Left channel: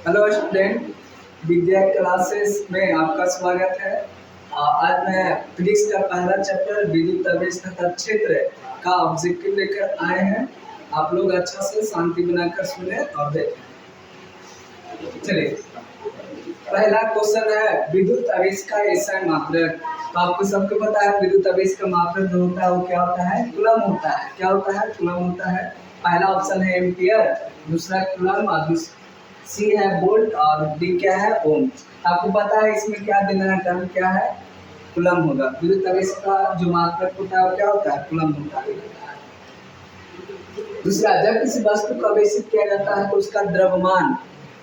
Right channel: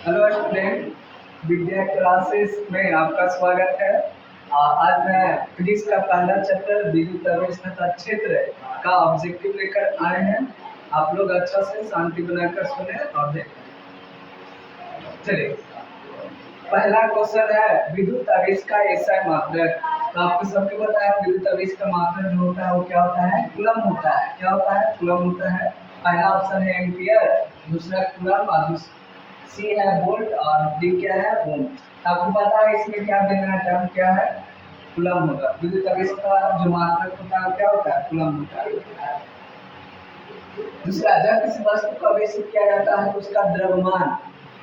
Hello student, विद्या classes में आपका स्वागत है। आज मैं फिजिक्स का पहला चैप्टर विद्युत आवेश तथा क्षेत्र का ऑब्जेक्टिव लेकर आए हैं। आप लोग अच्छा से शांति बनाकर सुने और देखें। चलिए, पहला क्वेश्चन है विद्युत आवेश का एसआई मात्रक। तो आपको सबको पता है विद्युत आवेश का मात्रक जो होता है वो क्या होता है? कूलम होता है। क्या होता है? कूलम होता है। पहला ऑप्शन है एम्पियर, दूसरा कूलम और सी है वोल्ट और डी क्या है? ओम। आपको पता है इसमें क्या देना है? टर्म क्या है? कूलम होगा। विद्युत आवेश का जो मात्रक होता है वो क्या होता है? कूलम होता है। दूसरा, जब किसी वस्तु को आवेशित किया जाता है तो उसका द्रव्यमान,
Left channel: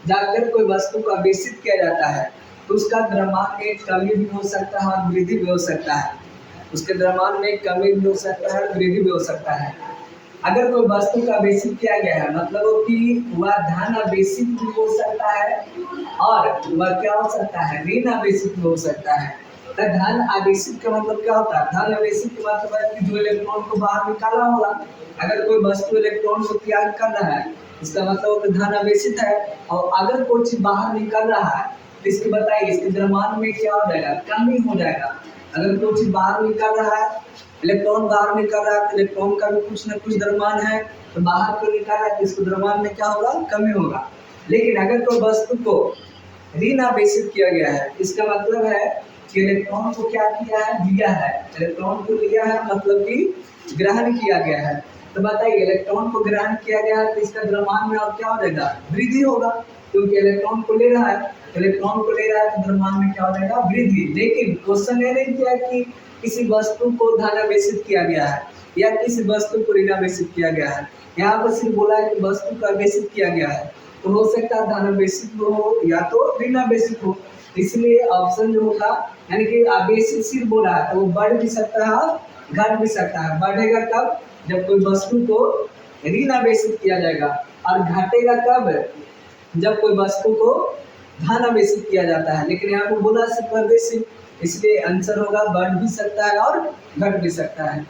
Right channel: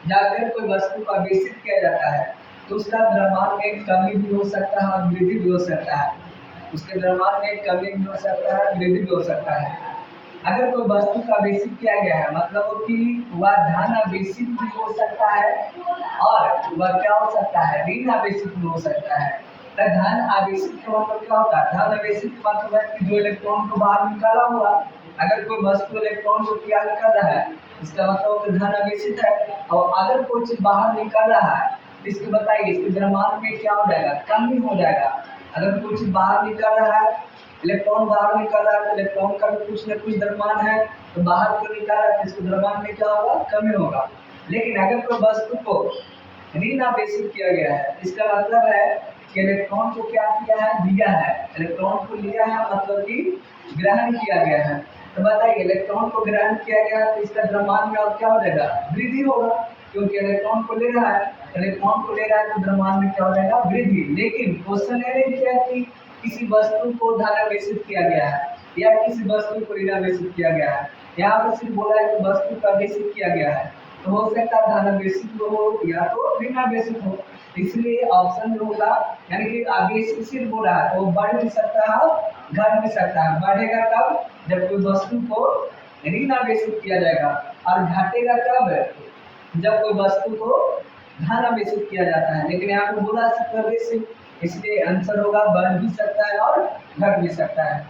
जाकर कोई वस्तु को आवेशित किया जाता है तो उसका द्रव्यमान में कमी भी हो सकता है और वृद्धि भी हो सकता है। उसके द्रव्यमान में कमी भी हो सकता है, वृद्धि भी हो सकता है। अगर कोई वस्तु का आवेशित किया गया है मतलब कि वह धन आवेशित भी हो सकता है और वह क्या हो सकता है? ऋण आवेशित भी हो सकता है। तो धन आवेशित का मतलब क्या होता है? धन आवेशित का मतलब है कि जो इलेक्ट्रॉन को बाहर निकाला हुआ, अगर कोई वस्तु इलेक्ट्रॉन को त्याग कर रहा है इसका मतलब कि धन आवेशित है। और अगर कोई चीज बाहर निकल रहा है तो इसकी बताइए इसके द्रव्यमान में क्या हो जाएगा? कमी हो जाएगा। अगर कोई चीज बाहर निकल रहा है, इलेक्ट्रॉन बाहर निकल रहा है तो इलेक्ट्रॉन का भी कुछ न कुछ द्रव्यमान है, तो बाहर को निकल रहा है तो इसको द्रव्यमान में क्या होगा? कमी होगा। लेकिन अगर कोई वस्तु को ऋण आवेशित किया गया है इसका मतलब है कि इलेक्ट्रॉन को क्या किया है? लिया है। इलेक्ट्रॉन को लिया है मतलब कि ग्रहण किया गया है। तो बताइए इलेक्ट्रॉन को ग्रहण किया गया है तो इसका द्रव्यमान में अब क्या हो जाएगा? वृद्धि होगा, क्योंकि इलेक्ट्रॉन को ले रहा है। इलेक्ट्रॉन को ले रहा है तो द्रव्यमान में क्या हो जाएगा? वृद्धि। लेकिन क्वेश्चन ये नहीं किया कि किसी वस्तु को धन आवेशित किया गया है या किसी वस्तु को ऋण आवेशित किया गया है। यहाँ पर सिर्फ बोला है कि वस्तु को आवेशित किया गया है, तो हो सकता है धन आवेशित हो या तो ऋण आवेशित हो। इसलिए ऑप्शन जो होगा, यानी कि आवेशित सिर्फ बोला है तो वो बढ़ भी सकता है और घट भी सकता है। बढ़ेगा कब? जब कोई वस्तु को ऋण आवेशित किया जाएगा, और घटेगा कब? जब कोई वस्तु को धन आवेशित किया जाता है। लेकिन यहाँ पे बोला सिर्फ आवेशित, इसलिए आंसर होगा बढ़ भी सकता है और घट भी सकता है।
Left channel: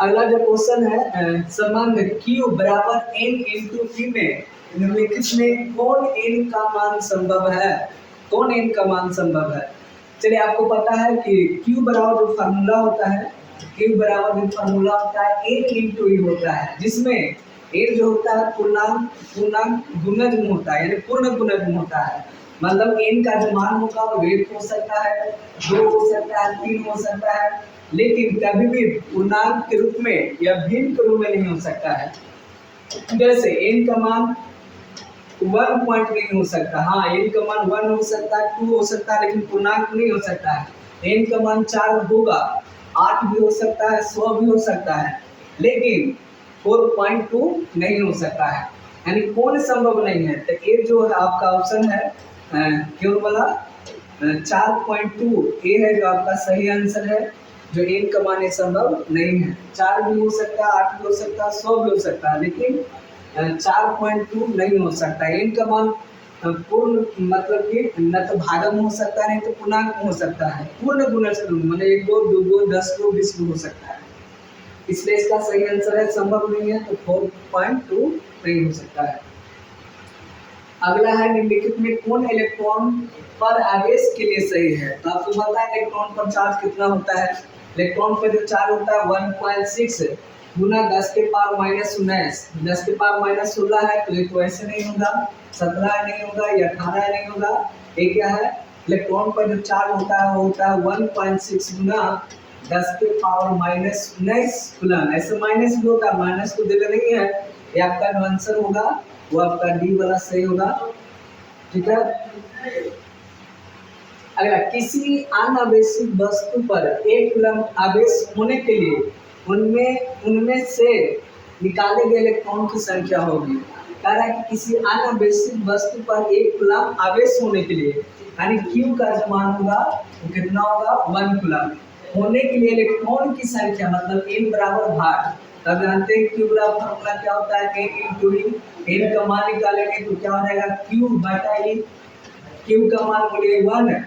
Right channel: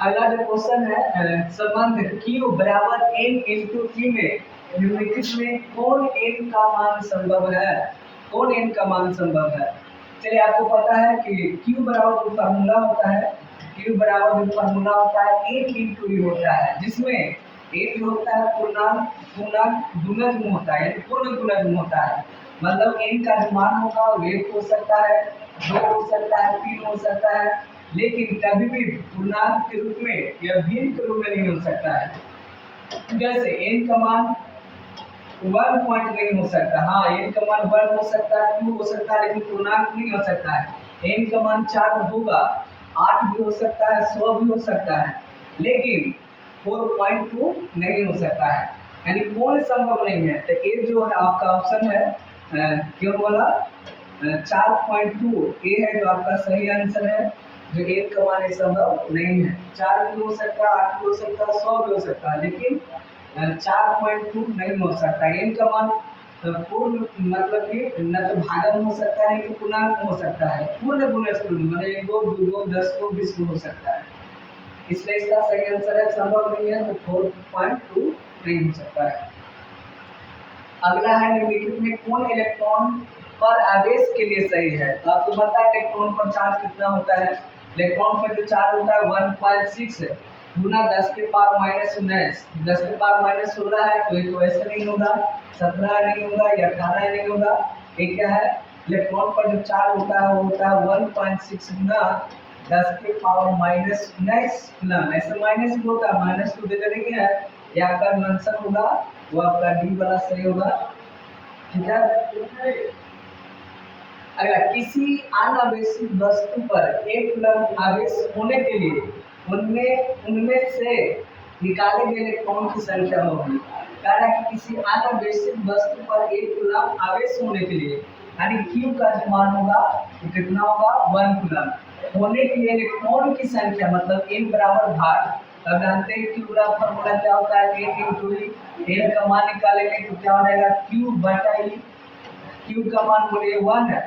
अगला जो क्वेश्चन है, संबंध Q बराबर N इंटू T में निम्नलिखित में कौन N का मान संभव है? कौन N का मान संभव है? चलिए, आपको पता है कि Q बराबर जो फार्मूला होता है, Q बराबर जो फार्मूला होता है N इंटू E होता है, जिसमें N जो होता है पूर्णांक गुणज होता है, यानी पूर्ण गुणज होता है। मतलब N का जो मान होगा वो 1 हो सकता है, 2 हो सकता है, 3 हो सकता है, लेकिन कभी भी पूर्णांक के रूप में या भिन्न के रूप में नहीं हो सकता है। जैसे n का मान 1 पॉइंट नहीं हो सकता। हाँ, n का मान 1 हो सकता है, 2 हो सकता है, लेकिन पूर्णांक नहीं हो सकता है। n का मान 4 होगा, 8 भी हो सकता है, 100 भी हो सकता है, लेकिन 4.2 नहीं हो सकता है। यानी कौन संभव नहीं है? तो ये जो है आपका ऑप्शन है क्यों वाला 4.2 ये है जो आपका सही आंसर है। जो एक का मान संभव नहीं है। 4 भी हो सकता है, 8 भी हो सकता है, 100 भी हो सकता है, लेकिन 4.2 नहीं हो सकता है। इनका मान पूर्ण मतलब कि न तो भागम हो सकता है नहीं तो पूर्णांक हो सकता है। पूर्ण गुणज मतलब 1 2 2 2 10 2 20 हो सकता है। इसलिए इसका सही आंसर है संभव नहीं है, तो 4.2 नहीं हो सकता है। अगला है निम्नलिखित में कौन इलेक्ट्रॉन पर आवेश के लिए सही है? तो आपको पता है इलेक्ट्रॉन पर चार्ज कितना होता है? इलेक्ट्रॉन पर जो चार्ज होता है 1.6 गुना 10 के पावर माइनस 19। 10 के पावर माइनस 16 है तो ये तो ऐसे नहीं होगा, 17 नहीं होगा, या 18 नहीं होगा। ये क्या है? इलेक्ट्रॉन पर जो चार्ज होता है वो होता है 1.6 गुना 10 के पावर माइनस 19 कूलम। ऐसे माइनस भी होता है, माइनस तो दिल नहीं है। ये आपका जो आंसर होगा वो आपका डी वाला सही होगा। ठीक है। अगला, किसी अनावेशित वस्तु पर एक कूलम आवेश होने के लिए उनमें से निकाले गए इलेक्ट्रॉन की संख्या होगी। कह रहा है कि किसी अनावेशित वस्तु पर एक कूलम आवेश होने के लिए, यानी Q का जो मान होगा वो कितना होगा? 1 कूलम। होने के लिए इलेक्ट्रॉन की संख्या मतलब n बराबर भार। तब जानते हैं Q बराबर फॉर्मूला क्या होता है? n इंटू ई। n का मान निकालेंगे तो क्या हो जाएगा? Q बटा ई। Q का मान बोलिए 1 है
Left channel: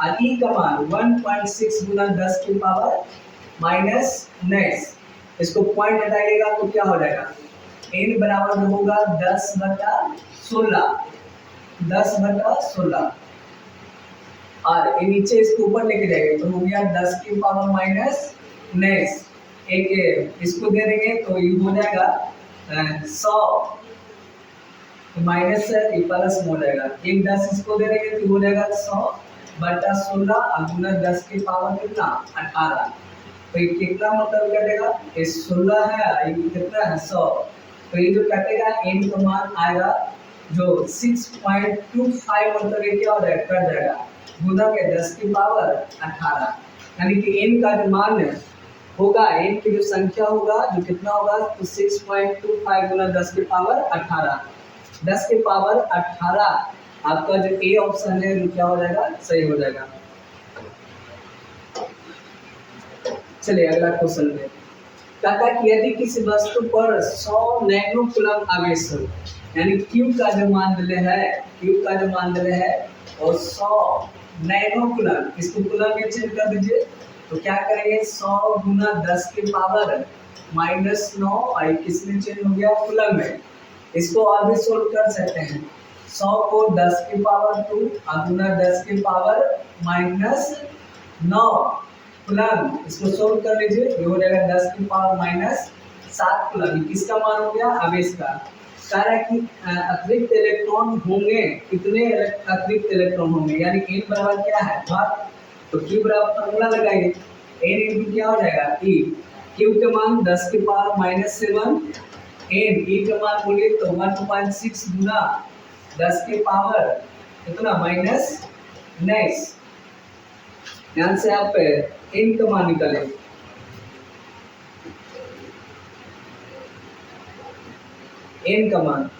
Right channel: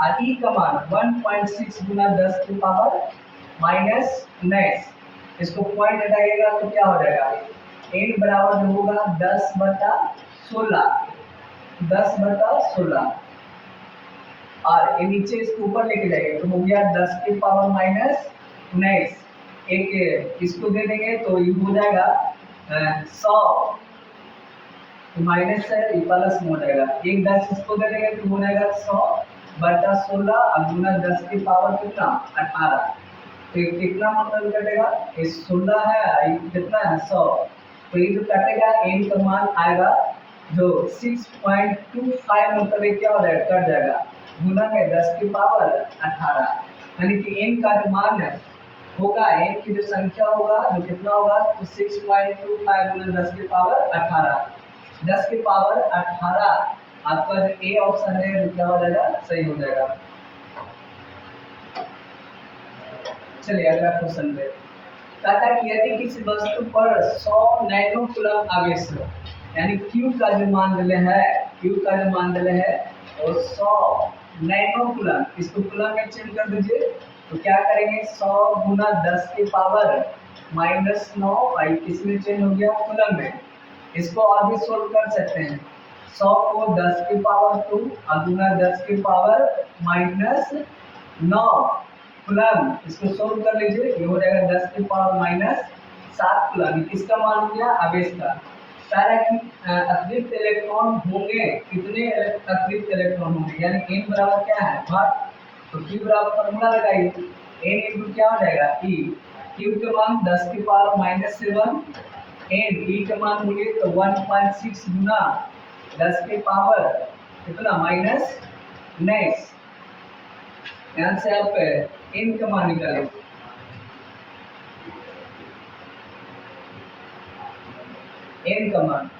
और E का मान 1.6 गुना 10 की पावर माइनस 19। इसको पॉइंट हटाइएगा तो क्या हो जाएगा? n बराबर जो होगा 10/16, 10/16। और ये नीचे इसको ऊपर लेके जाएंगे तो हो गया 10⁻⁹। एक इसको दे देंगे तो ये हो जाएगा 100, माइनस है ये प्लस में हो जाएगा। एक 10 इसको दे देंगे तो हो जाएगा 100/16 और गुना 10 की पावर कितना 18। तो ये कितना मतलब कटेगा, ये 16 है, ये कितना है 100। तो ये जो कटेगा n का मान आएगा जो 6.25 मतलब ये क्या हो जाएगा कट जाएगा, गुना में 10 की पावर 18। यानी कि n का जो मान होगा, n की जो संख्या होगा जो कितना होगा तो 6.25 गुना 10 की पावर 18। 10 की पावर 18 आपका जो ए ऑप्शन है क्या हो जाएगा सही हो जाएगा। चलिए अगला क्वेश्चन पे कहता है कि यदि किसी वस्तु पर 100 नैनो कूलम आवेश हो, यानी Q का जो मान है, Q का जो मान है और 100 नैनो कूलम, इसको कूलम में चेंज कर दीजिए तो क्या करेंगे 100 गुना 10 की पावर -9 और किस में चेंज हो गया कूलम में। इसको और भी सोल्व कर सकते हैं, 100 को 10 की पावर 2 और गुना 10 की पावर -9 कूलम, इसको सोल्व कर लीजिए ये हो जाएगा 10 की पावर -7 कूलम। किसका मान हो गया आवेश का। कह रहा है कि अतिरिक्त इलेक्ट्रॉन होंगे, कितने अतिरिक्त इलेक्ट्रॉन होंगे, यानी n बराबर क्या है भाग, तो Q बराबर फॉर्मूला लगाइए n इंटू क्या हो जाएगा E, Q के मान 10 की पावर -7, n E का मान बोलिए तो 1.6 गुना 10 की पावर कितना -19। ध्यान से आप n का मान निकालें, n का मान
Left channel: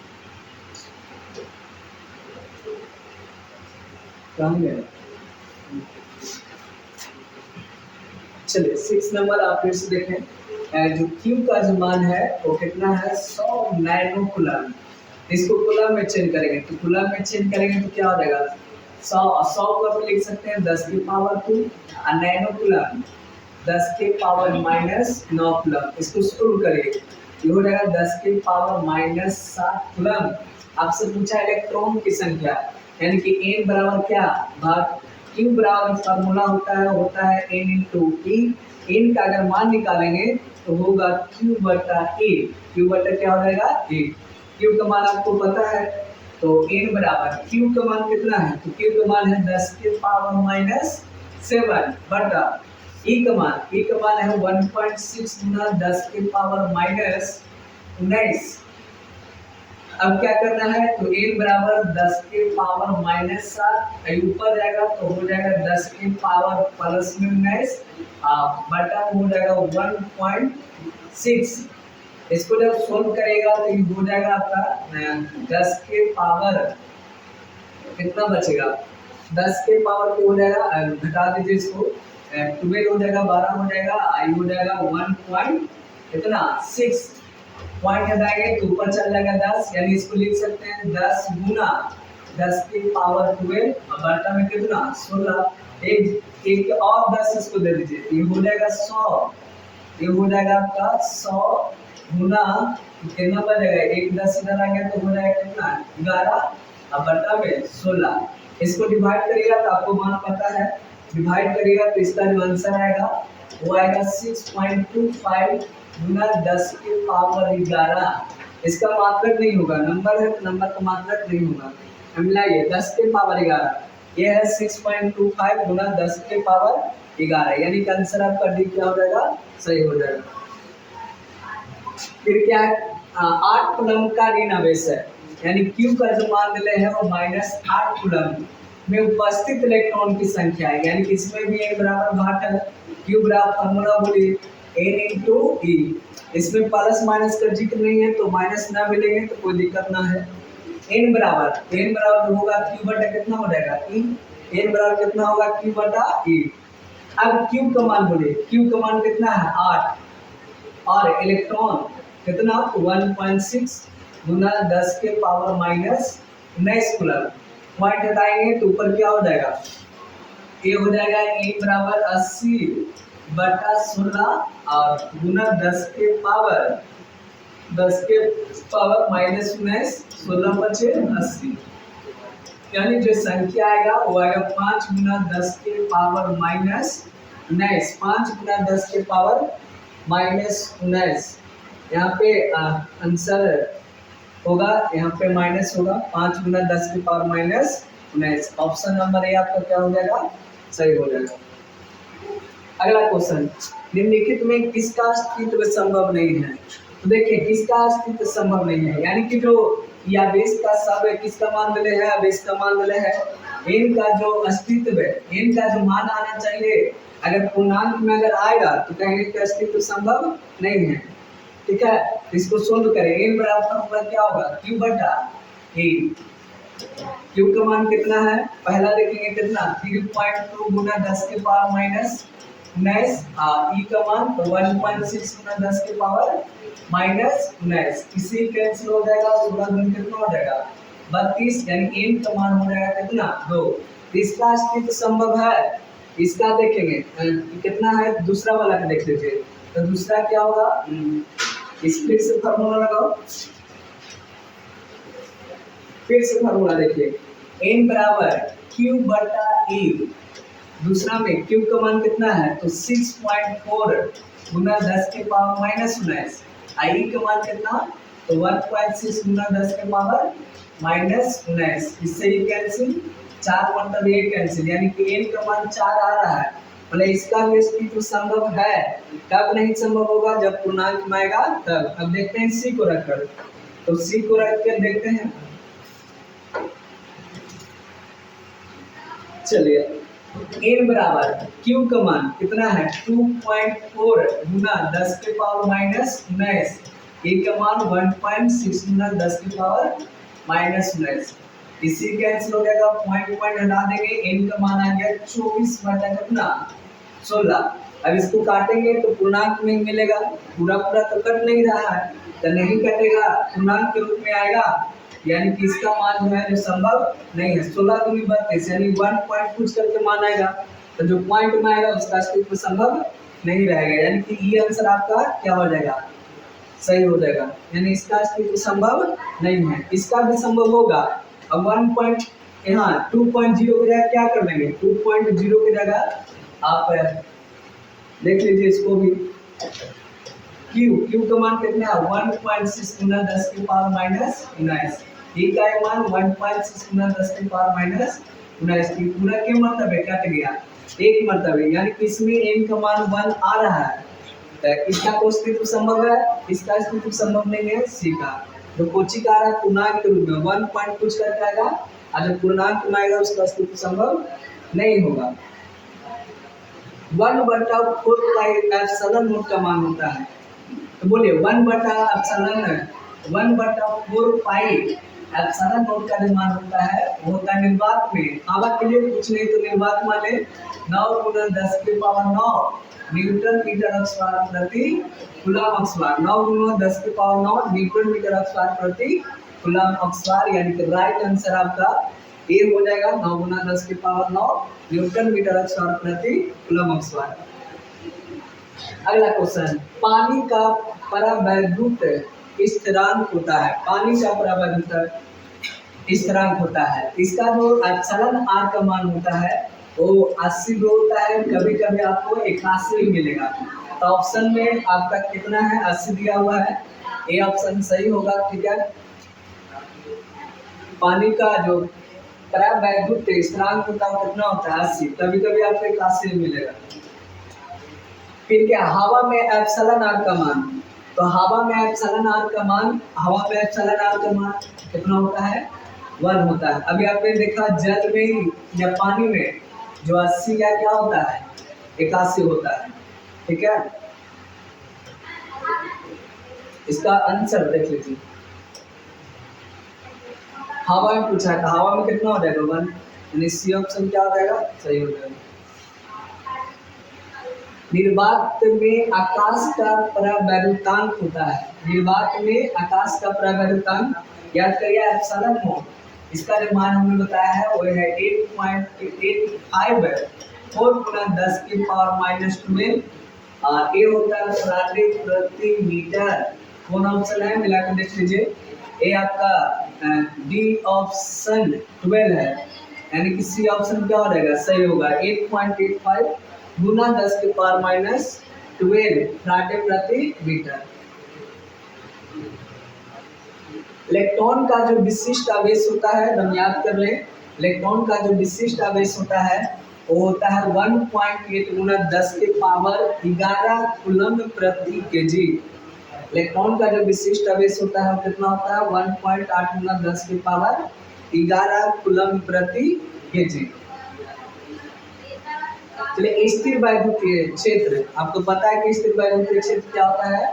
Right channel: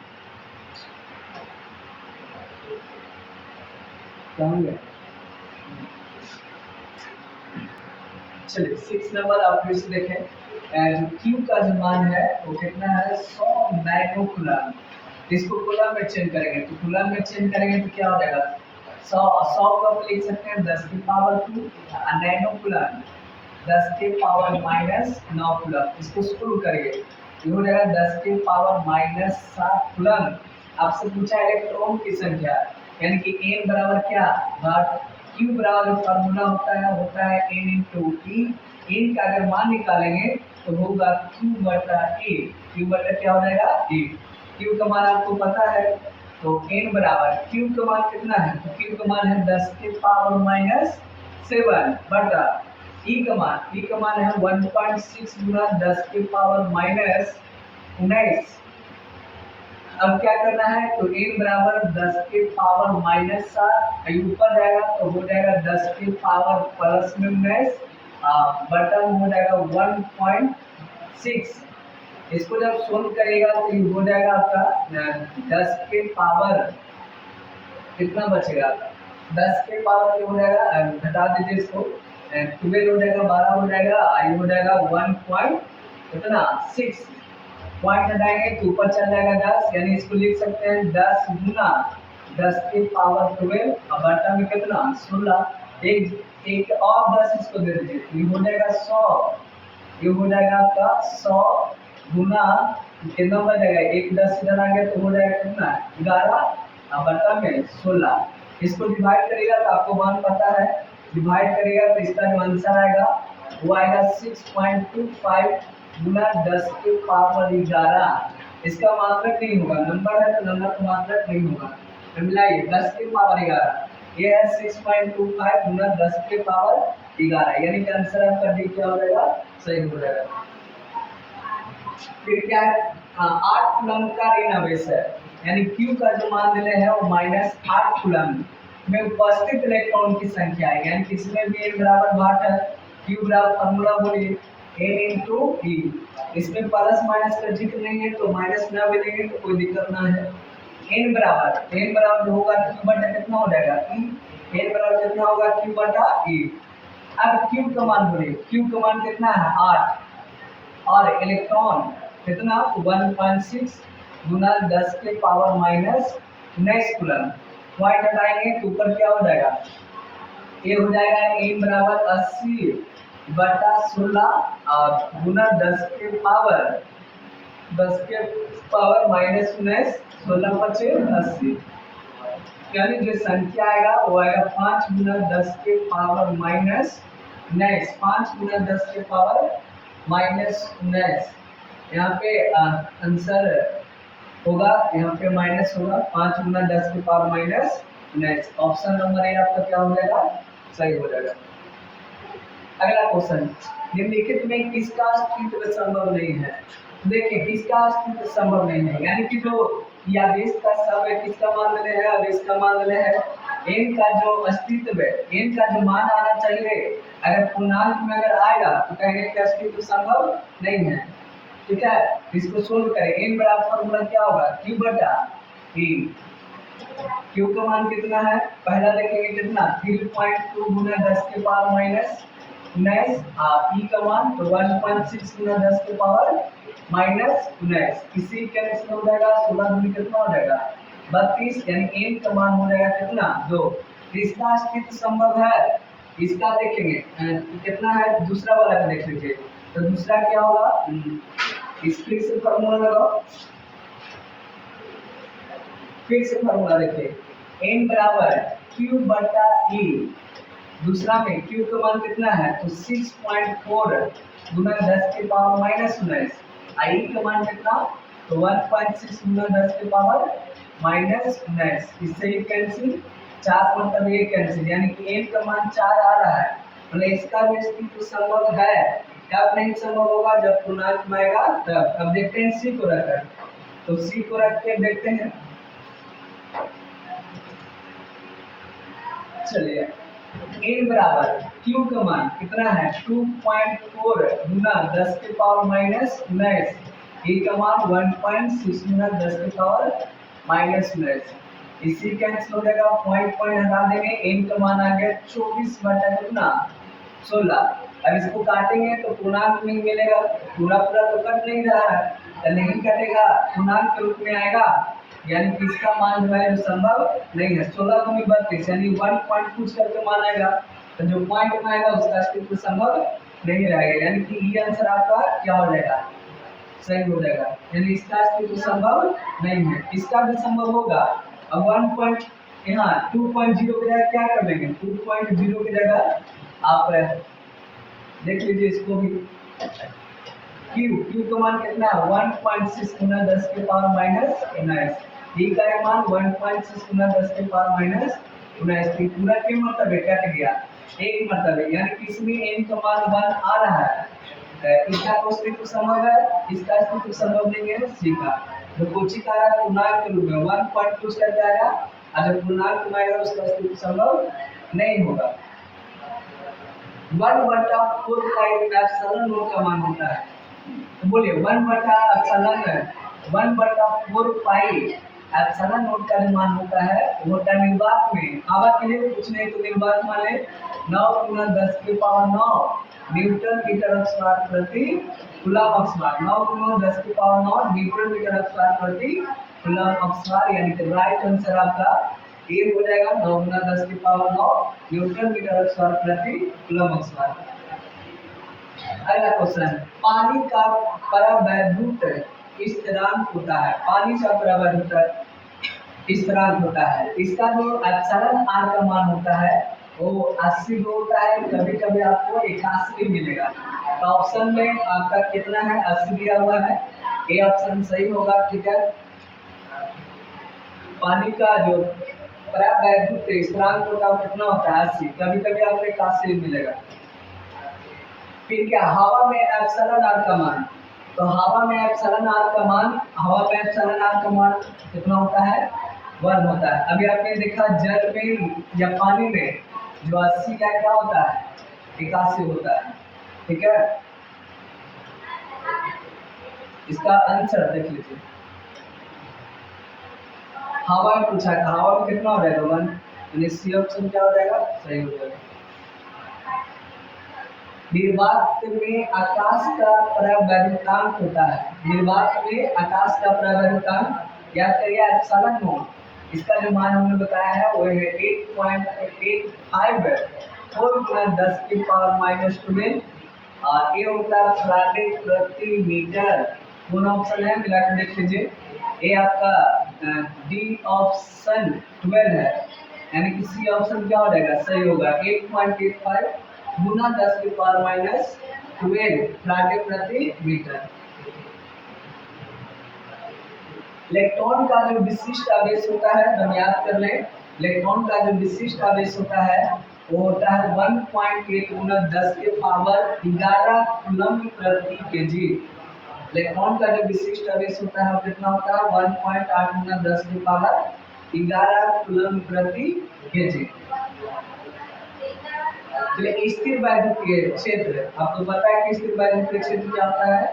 कहाँ गया। चलिए 6 नंबर आप फिर से देखें, जो Q का जो मान है वो कितना है 100 नैनो कूलम। इसको कूलम में चेंज करेंगे तो कूलम में चेंज करेंगे तो क्या हो जाएगा 100 को आप लिख सकते हैं 10 की पावर 2 और नैनो कूलम 10 की पावर -9 कूलम। इसको सोल्व करिए ये हो जाएगा 10 की पावर -7 कूलम। आपसे पूछा इलेक्ट्रॉन की संख्या, यानी कि n बराबर क्या भाग Q बराबर फॉर्मूला होता है n इंटू ई। n का अगर मान निकालेंगे तो होगा Q बटा E। Q बटा क्या हो जाएगा E। Q का मान आपको पता है तो n बराबर Q का मान कितना है तो Q का मान है 10 के पावर -7 बटा E का मान है 1.6 गुना 10 के पावर -19। अब क्या करना है तो n बराबर 10 के पावर -7 ऊपर जाएगा तो हो जाएगा 10 के पावर +19 बटा हो जाएगा 1.6। इसको जब सोल्व करेगा तो ये हो जाएगा आपका 10 के पावर कितना बचेगा 10 के पावर क्या हो जाएगा, घटा दीजिए इसको 12 हो जाएगा, 12 हो जाएगा, आई हो जाएगा 1.6। पॉइंट हटाएंगे तो ऊपर चल जाएगा 10, यानी इसको लिख सकते हैं 10 गुना 10 के पावर 12 और बटा में कितना 16। एक और 10 इसको दे दीजिए तो ये हो जाएगा 100। ये हो जाएगा आपका 100 गुना कितना बन जाएगा, एक 10 इधर आ गया तो हो जाएगा कितना 11 और बटा में 16। इसको डिवाइड करिएगा तो आपको मान पता है, डिवाइड करिएगा तो इसका जो आंसर आएगा वो आएगा 6.25 गुना 10 के पावर 11। इसका मात्रक नहीं होगा, नंबर है तो नंबर का मात्रक नहीं होगा। मिलाइए 10 के पावर 11, ये है 6.25 गुना 10 के पावर 11, यानी कि आंसर आपका डी क्या हो जाएगा सही हो जाएगा। फिर क्या है 8 कूलम का ऋण आवेश है, यानी Q का जो मान दिले है वो -8 कूलम में उपस्थित इलेक्ट्रॉन की संख्या है, यानी कि इसमें भी n बराबर भाट है। Q बराबर फॉर्मूला बोलिए n इंटू ई। इसमें प्लस माइनस का जिक्र नहीं है तो माइनस ना भी लेंगे तो कोई दिक्कत ना है। n बराबर जो होगा Q बटा कितना हो जाएगा E। n बराबर कितना होगा Q बटा E। अब Q का मान बोलिए, Q का मान कितना है 8 और इलेक्ट्रॉन कितना 1.6 गुना 10 के पावर -19 कूलम। पॉइंट हटाएंगे तो ऊपर क्या हो जाएगा, ये हो जाएगा n बराबर 80 बटा 16 और गुना 10 के पावर 10 के पावर माइनस 19, 16 पचे 80, यानी जो संख्या आएगा वो आएगा 5 गुना 10 के पावर माइनस 19, 5 गुना 10 के पावर माइनस 19। यहाँ पे आंसर होगा, यहाँ पे माइनस होगा, 5 गुना 10 के power minus 19। Option number A आपका क्या हो जाएगा, सही हो जाएगा। अगला क्वेश्चन, निम्नलिखित में किसका अस्तित्व संभव नहीं है? तो देखिए किसका अस्तित्व संभव नहीं है, यानी कि जो या बेस का सब है, किसका मान ले है, बेस का मान ले है, n का जो अस्तित्व है, n का जो मान आना चाहिए, अगर पूर्णांक में अगर आएगा तो कहेंगे कि अस्तित्व संभव नहीं है। ठीक है, इसको सोल्व करें। n बराबर फॉर्मूला क्या होगा, q बटा a। q का मान कितना है, पहला देखेंगे कितना, 3.2 गुना 10 के पावर माइनस 19, ई का मान तो 1.6 गुना 10 के पावर माइनस 19, इसी कैंसिल हो जाएगा, 16 गुना कितना हो जाएगा 32, यानी n का मान हो जाएगा कितना 2। तो इसका अस्तित्व संभव है, इसका देखेंगे कितना है, दूसरा वाला का देख लीजिए। तो दूसरा क्या होगा, इस फिर से फार्मूला लगाओ, फिर से फार्मूला देखिए, n बराबर q बटा e। दूसरा में q का मान कितना है, तो 6.4 गुना 10 के पावर माइनस 19, i का मान कितना, तो 1.6 गुना 10 के पावर माइनस 19, इससे ही कैंसिल, 4 मतलब ये कैंसिल, यानी कि n का मान 4 आ रहा है, मतलब इसका भी अस्तित्व संभव है। कब नहीं संभव होगा, जब पूर्णांक में आएगा तब। अब देखते हैं c को रखकर, तो c को रख के देखते हैं, चलिए n बराबर q का मान कितना है, 2.4 गुना 10 के पावर माइनस 19, a का मान 1.6 गुना 10 के पावर माइनस 19, इसी कैंसिल हो जाएगा, पॉइंट पॉइंट हटा देंगे, n का मान आ गया 24 बटा कितना 16। अब इसको काटेंगे तो पूर्णांक में मिलेगा, पूरा पूरा तो कट नहीं रहा है, तो नहीं कटेगा, पूर्णांक के रूप में आएगा, यानी कि इसका मान जो है जो संभव नहीं है। 16 दूनी 32, यानी 1 पॉइंट कुछ करके मान आएगा, तो जो पॉइंट में आएगा उसका अस्तित्व संभव नहीं रहेगा, यानी कि ये आंसर आपका क्या हो जाएगा, सही हो जाएगा, यानी इसका अस्तित्व संभव नहीं है। इसका भी संभव होगा। अब 1 पॉइंट यहाँ 2.0 की जगह क्या कर लेंगे, 2.0 की जगह आप देख लीजिए इसको भी, q का मान कितना है, 1.6 गुना 10 के पावर माइनस 19, e का मान 1.6 गुना 10 के पावर माइनस 19, की पूरा के मतलब है कट गया, एक मतलब है, यानी कि इसमें n का मान 1 आ रहा है, इसका तो अस्तित्व संभव है, इसका अस्तित्व संभव नहीं है, c का जो कोचिक आ रहा है पूर्णांक के रूप में 1 पॉइंट कुछ करके आएगा, और जब पूर्णांक में आएगा उसका अस्तित्व संभव नहीं होगा। 1/4 का एप्सिलॉन नोट का मान होता है, तो बोलिए 1/4 पाई एप्सिलॉन नोट का जो मान होता है वो होता है निर्वात में, हवा के लिए कुछ नहीं, तो निर्वात माने 9 गुना 10 के पावर 9 न्यूटन मीटर अक्षवार प्रति कूलम अक्षवार, 9 गुना 10 के पावर 9 न्यूटन मीटर अक्षवार प्रति कूलम अक्षवार, यानी कि राइट आंसर आपका ए हो जाएगा, 9 गुना 10 के पावर 9 न्यूटन मीटर अक्षवार प्रति कूलम अक्षवार। अगला क्वेश्चन, पानी का परावैद्युत स्थिरांक होता है, पानी का परावैद्युत स्थिरांक होता है, इसका जो एप्सिलॉन आर का मान होता है वो 80 भी होता है, कभी कभी आपको 81 भी मिलेगा। तो ऑप्शन में आपका कितना है, 80 दिया हुआ है, ए ऑप्शन सही होगा। ठीक है, पानी का जो परावैद्युत स्थिरांक होता है कितना होता है, 80, कभी कभी आपको 81 मिलेगा। फिर क्या, हवा में एप्सिलॉन आर का मान, तो हवा में एप्सिलॉन आर का मान, हवा में एप्सिलॉन आर का मान कितना होता है, 1 होता है। अभी आपने देखा जल में या पानी में जो 80 या क्या होता है 81 होता है। ठीक है, इसका आंसर देख लीजिए, हवा में पूछा था, हवा में कितना हो जाएगा 1, यानी सी ऑप्शन क्या हो जाएगा, सही हो जाएगा। निर्वात में आकाश का परावैद्युतांक होता है, निर्वात में आकाश का परावैद्युतांक याद करिए एप्सिलॉन नोट, इसका जो मान हमने बताया है वो है 8.854 गुना 10 की पावर माइनस 12, और ये होता है फैराडे प्रति मीटर कौन ऑप्शन है मिला के देख लीजिए। ए आपका डी ऑप्शन 12 है, यानी कि सी ऑप्शन क्या हो जाएगा, सही होगा। 8.85 गुना 10 के पावर माइनस 12 फ्राटे प्रति मीटर। इलेक्ट्रॉन का जो विशिष्ट आवेश होता है, हम याद कर लें, इलेक्ट्रॉन का जो विशिष्ट आवेश होता है वो होता है 1.8 गुना 10 के पावर 11 कूलम्ब प्रति केजी। इलेक्ट्रॉन का जो विशिष्ट आवेश होता है कितना होता है, 1.8 गुना 10 की पावर 11 कूलम्ब प्रति केजी। चलिए, स्थिर वैद्युतीय क्षेत्र, आपको पता है कि स्थिर वैद्युतीय क्षेत्र क्या होता है,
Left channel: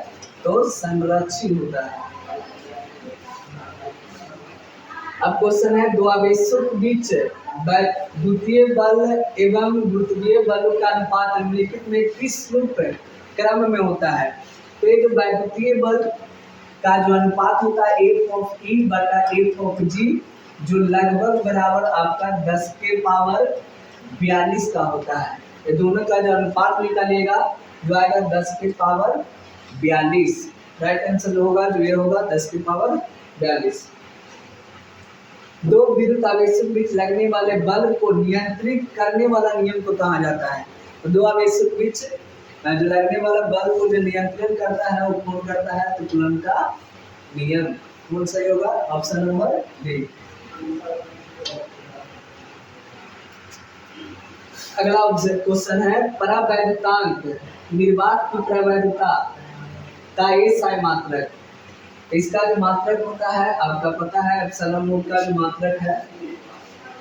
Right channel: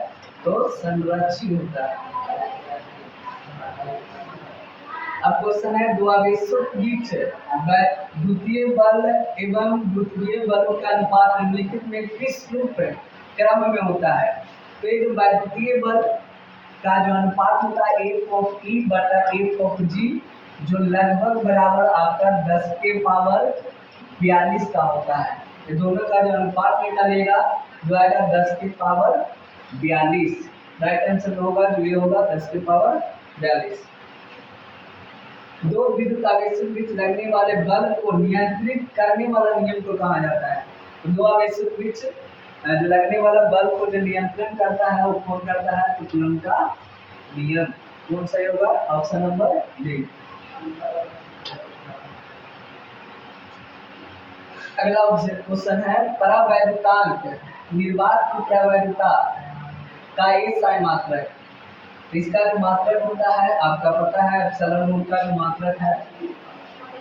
तो संरक्षित होता है। अब क्वेश्चन है, दो आवेशों के बीच द्वितीय बल एवं गुरुत्वीय बलों का अनुपात निम्नलिखित में किस रूप क्रम में होता है। तो ये जो वैद्युतीय बल का जो अनुपात होता है F ऑफ E बटा F ऑफ G, जो लगभग बराबर आपका 10 के पावर 42 का होता है। ये दोनों का जो अनुपात निकालेगा जो आएगा 10 के पावर 42। राइट आंसर होगा जो ये होगा 10 के पावर 42। दो विद्युत आवेशों के बीच लगने वाले बल को नियंत्रित करने वाला नियम को कहा जाता है। तो दो आवेशों के बीच जो लगने वाला बल को जो नियंत्रण करता है वो कौन करता है, तो कूलम्ब का नियम। कौन सही होगा, ऑप्शन नंबर डी। अगला क्वेश्चन है, परावैद्युतांक निर्वात की परावैद्युता का ये साई मात्रक। इसका जो मात्रक होता है आपका पता है, एप्सिलॉन नोट का जो मात्रक है,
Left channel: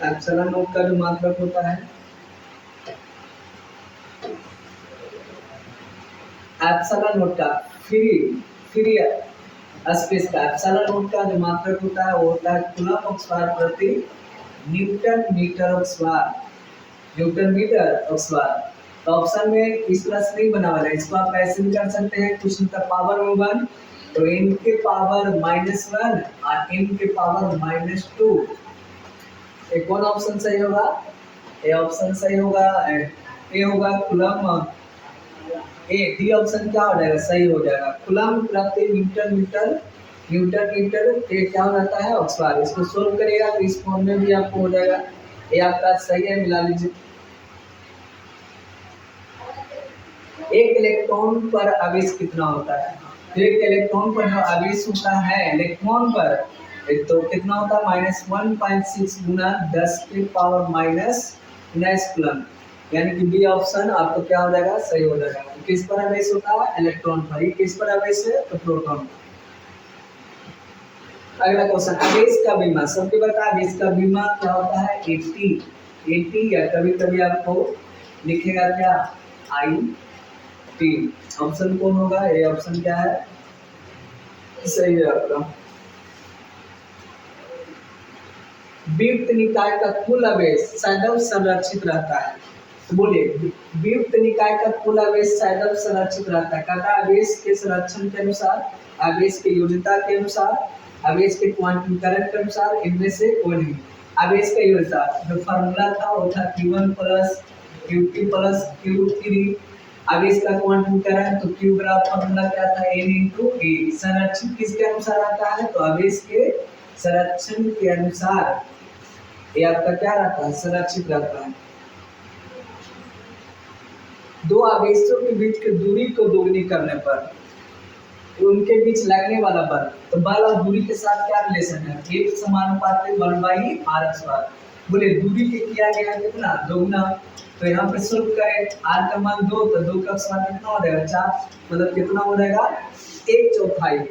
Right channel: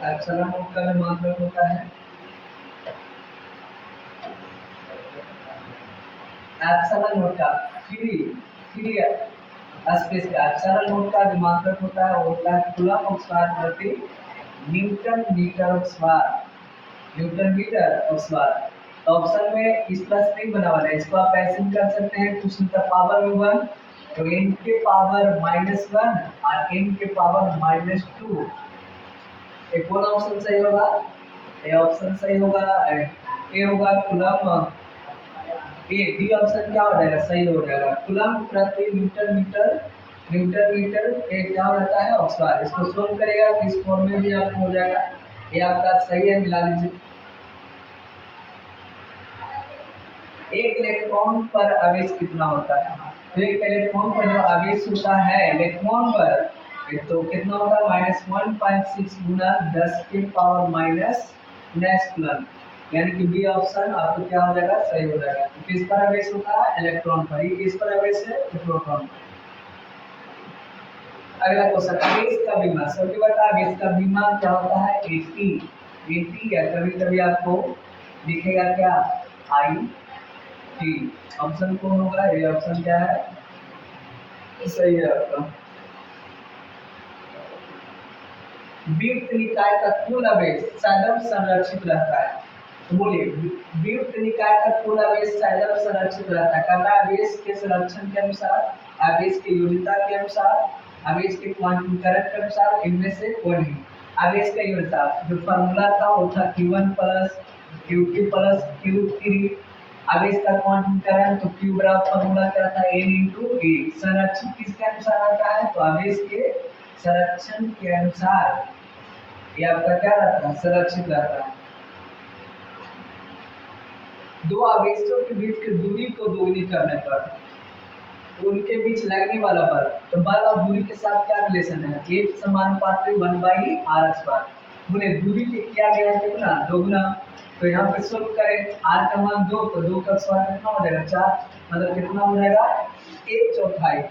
एप्सिलॉन नोट का जो मात्रक होता है, एप्सिलॉन नोट का फ्री स्पेस का एप्सिलॉन नोट का जो मात्रक होता है वो होता है कूलम्ब ऑक्सवार प्रति न्यूटन मीटर ऑक्सवार, न्यूटन मीटर ऑक्सवार। तो ऑप्शन में इस प्लस नहीं बना वाला है, इसको आप ऐसे भी कर सकते हैं, कुछ मतलब पावर में 1, तो n के पावर -1 और n के पावर -2। ये कौन ऑप्शन सही होगा, ये ऑप्शन सही होगा, ए होगा कूलम्ब, ए डी ऑप्शन क्या हो जाएगा, सही हो जाएगा। कूलम्ब प्रति न्यूटन मीटर, न्यूटन मीटर ये क्या हो जाता है, ऑक्सवार। इसको सोल्व करेगा तो इस फॉर्म में भी आपको हो जाएगा। ये आपका सही है, मिला लीजिए। एक इलेक्ट्रॉन पर आवेश कितना होता है, तो एक इलेक्ट्रॉन पर जो आवेश होता है इलेक्ट्रॉन पर, तो कितना होता है, -1.6 गुना 10 के पावर -19 कूलम्ब, यानी कि बी ऑप्शन आपको क्या हो जाएगा, सही हो जाएगा। तो किस पर आवेश होता है, इलेक्ट्रॉन पर। ये किस पर आवेश है, तो प्रोटॉन पर। अगला क्वेश्चन, आवेश का विमा, सबके पता आवेश का विमा क्या होता है, 80 या कभी कभी आपको लिखेगा क्या, IT। ऑप्शन कौन होगा, ये ऑप्शन क्या है, सही है आपका। वियुक्त निकाय का कुल आवेश सदैव संरक्षित रहता है। तो बोलिए, वियुक्त निकाय का कुल आवेश सदैव संरक्षित रहता है। कहता है आवेश के संरक्षण के अनुसार, आवेश की योग्यता के अनुसार, आवेश के क्वांटम करंट के अनुसार इनमें से कोई नहीं। आवेश का योग्यता जो फार्मूला था वो था Q1 plus Q2 plus Q3। आवेश का क्वांटम करंट, तो Q बराबर फार्मूला क्या था, N × E। संरक्षण किसके अनुसार आता है, तो आवेश के संरक्षण के अनुसार ये आपका क्या रहता है, संरक्षित रहता है। दो आवेशों के बीच की दूरी को दोगुनी करने पर उनके बीच लगने वाला बल, तो बल और दूरी के साथ क्या रिलेशन है, एक समानुपाती 1/r²। बोले दूरी के किया गया है कितना, दोगुना। तो यहाँ पे सोल्व करें, r का मान 2, तो 2 का स्क्वायर कितना हो जाएगा, 4, मतलब कितना हो जाएगा, 1/4।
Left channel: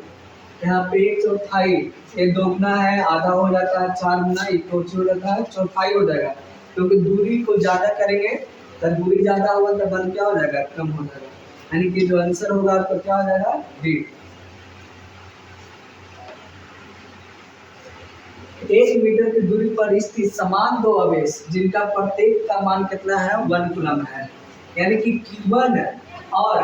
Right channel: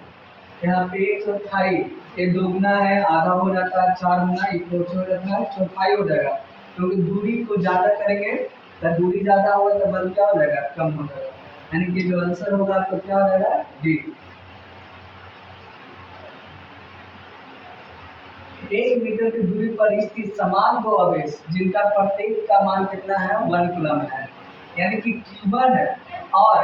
यहाँ पे 1/4, ये दोगुना है, आधा हो जाता है, 4 गुना 1 हो जाता है, चौथाई हो जाएगा। क्योंकि दूरी को ज्यादा करेंगे तो दूरी ज्यादा होगा तो बल क्या हो जाएगा, कम हो जाएगा। यानी कि जो आंसर होगा आपका क्या हो जाएगा, डी। एक मीटर की दूरी पर स्थित समान दो आवेश जिनका प्रत्येक का मान कितना है, 1 कूलम्ब है, यानी कि Q1 और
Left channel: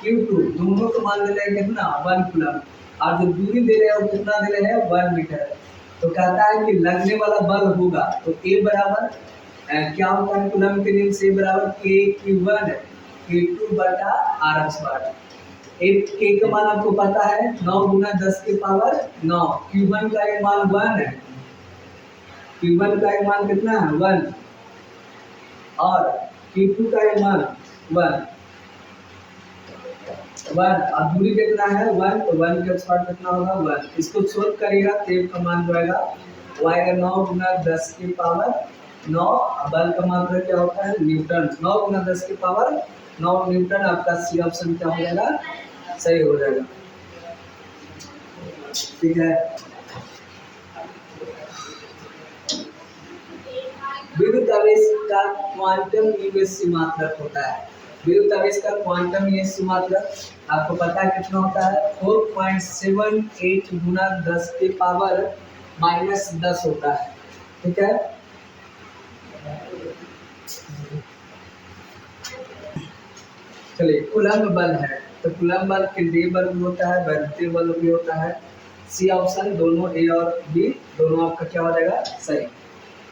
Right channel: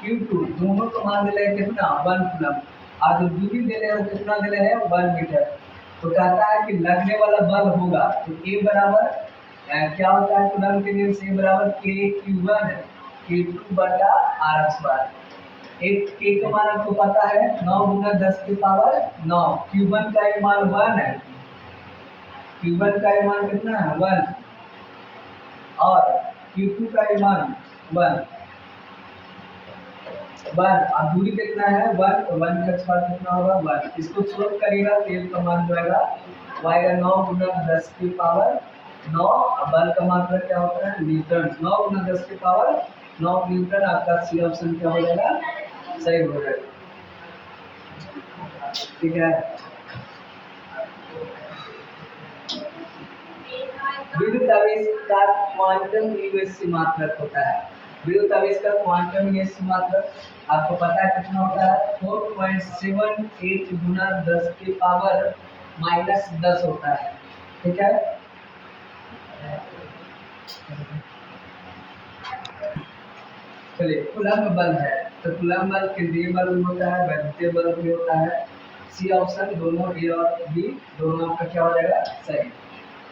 Q2 दोनों का मान दे रहे हैं कितना, 1 कूलम्ब, और जो दूरी दे रहे हैं वो कितना दे रहे हैं, 1 मीटर। तो कहता है कि लगने वाला बल होगा, तो A बराबर क्या होता है, कूलम्ब के नियम से बराबर K Q1 Q2 बटा r²। के का मान आपको पता है 9 गुना 10 की पावर 9। Q1 का ये मान 1 है, Q1 का ये मान कितना है 1, और Q2 का ये मान 1 और दूरी कितना है 1, तो 1 का स्क्वायर कितना होगा 1। इसको सोल्व करिएगा तो ये का मान जो आएगा वो आएगा 9 गुना 10 की पावर 9। अब बल का मात्रा क्या होता है न्यूटन, 9 गुना 10 की पावर 9 न्यूटन। आपका सी ऑप्शन क्या हो जाएगा, सही हो जाएगा। ठीक है, विद्युत आवेश का क्वांटम निवेशी मात्रक होता है। विद्युत आवेश का क्वांटम निवेशी मात्रक आपको पता है कितना होता है 4.78 गुना 10 की पावर -10 होता है। ठीक है, चलिए कूलम्ब बल है, तो कूलम्ब बल केंद्रीय बल भी होता है, वैद्युतीय बल भी होता है। सी ऑप्शन दोनों ए और बी दोनों आपका क्या हो जाएगा, सही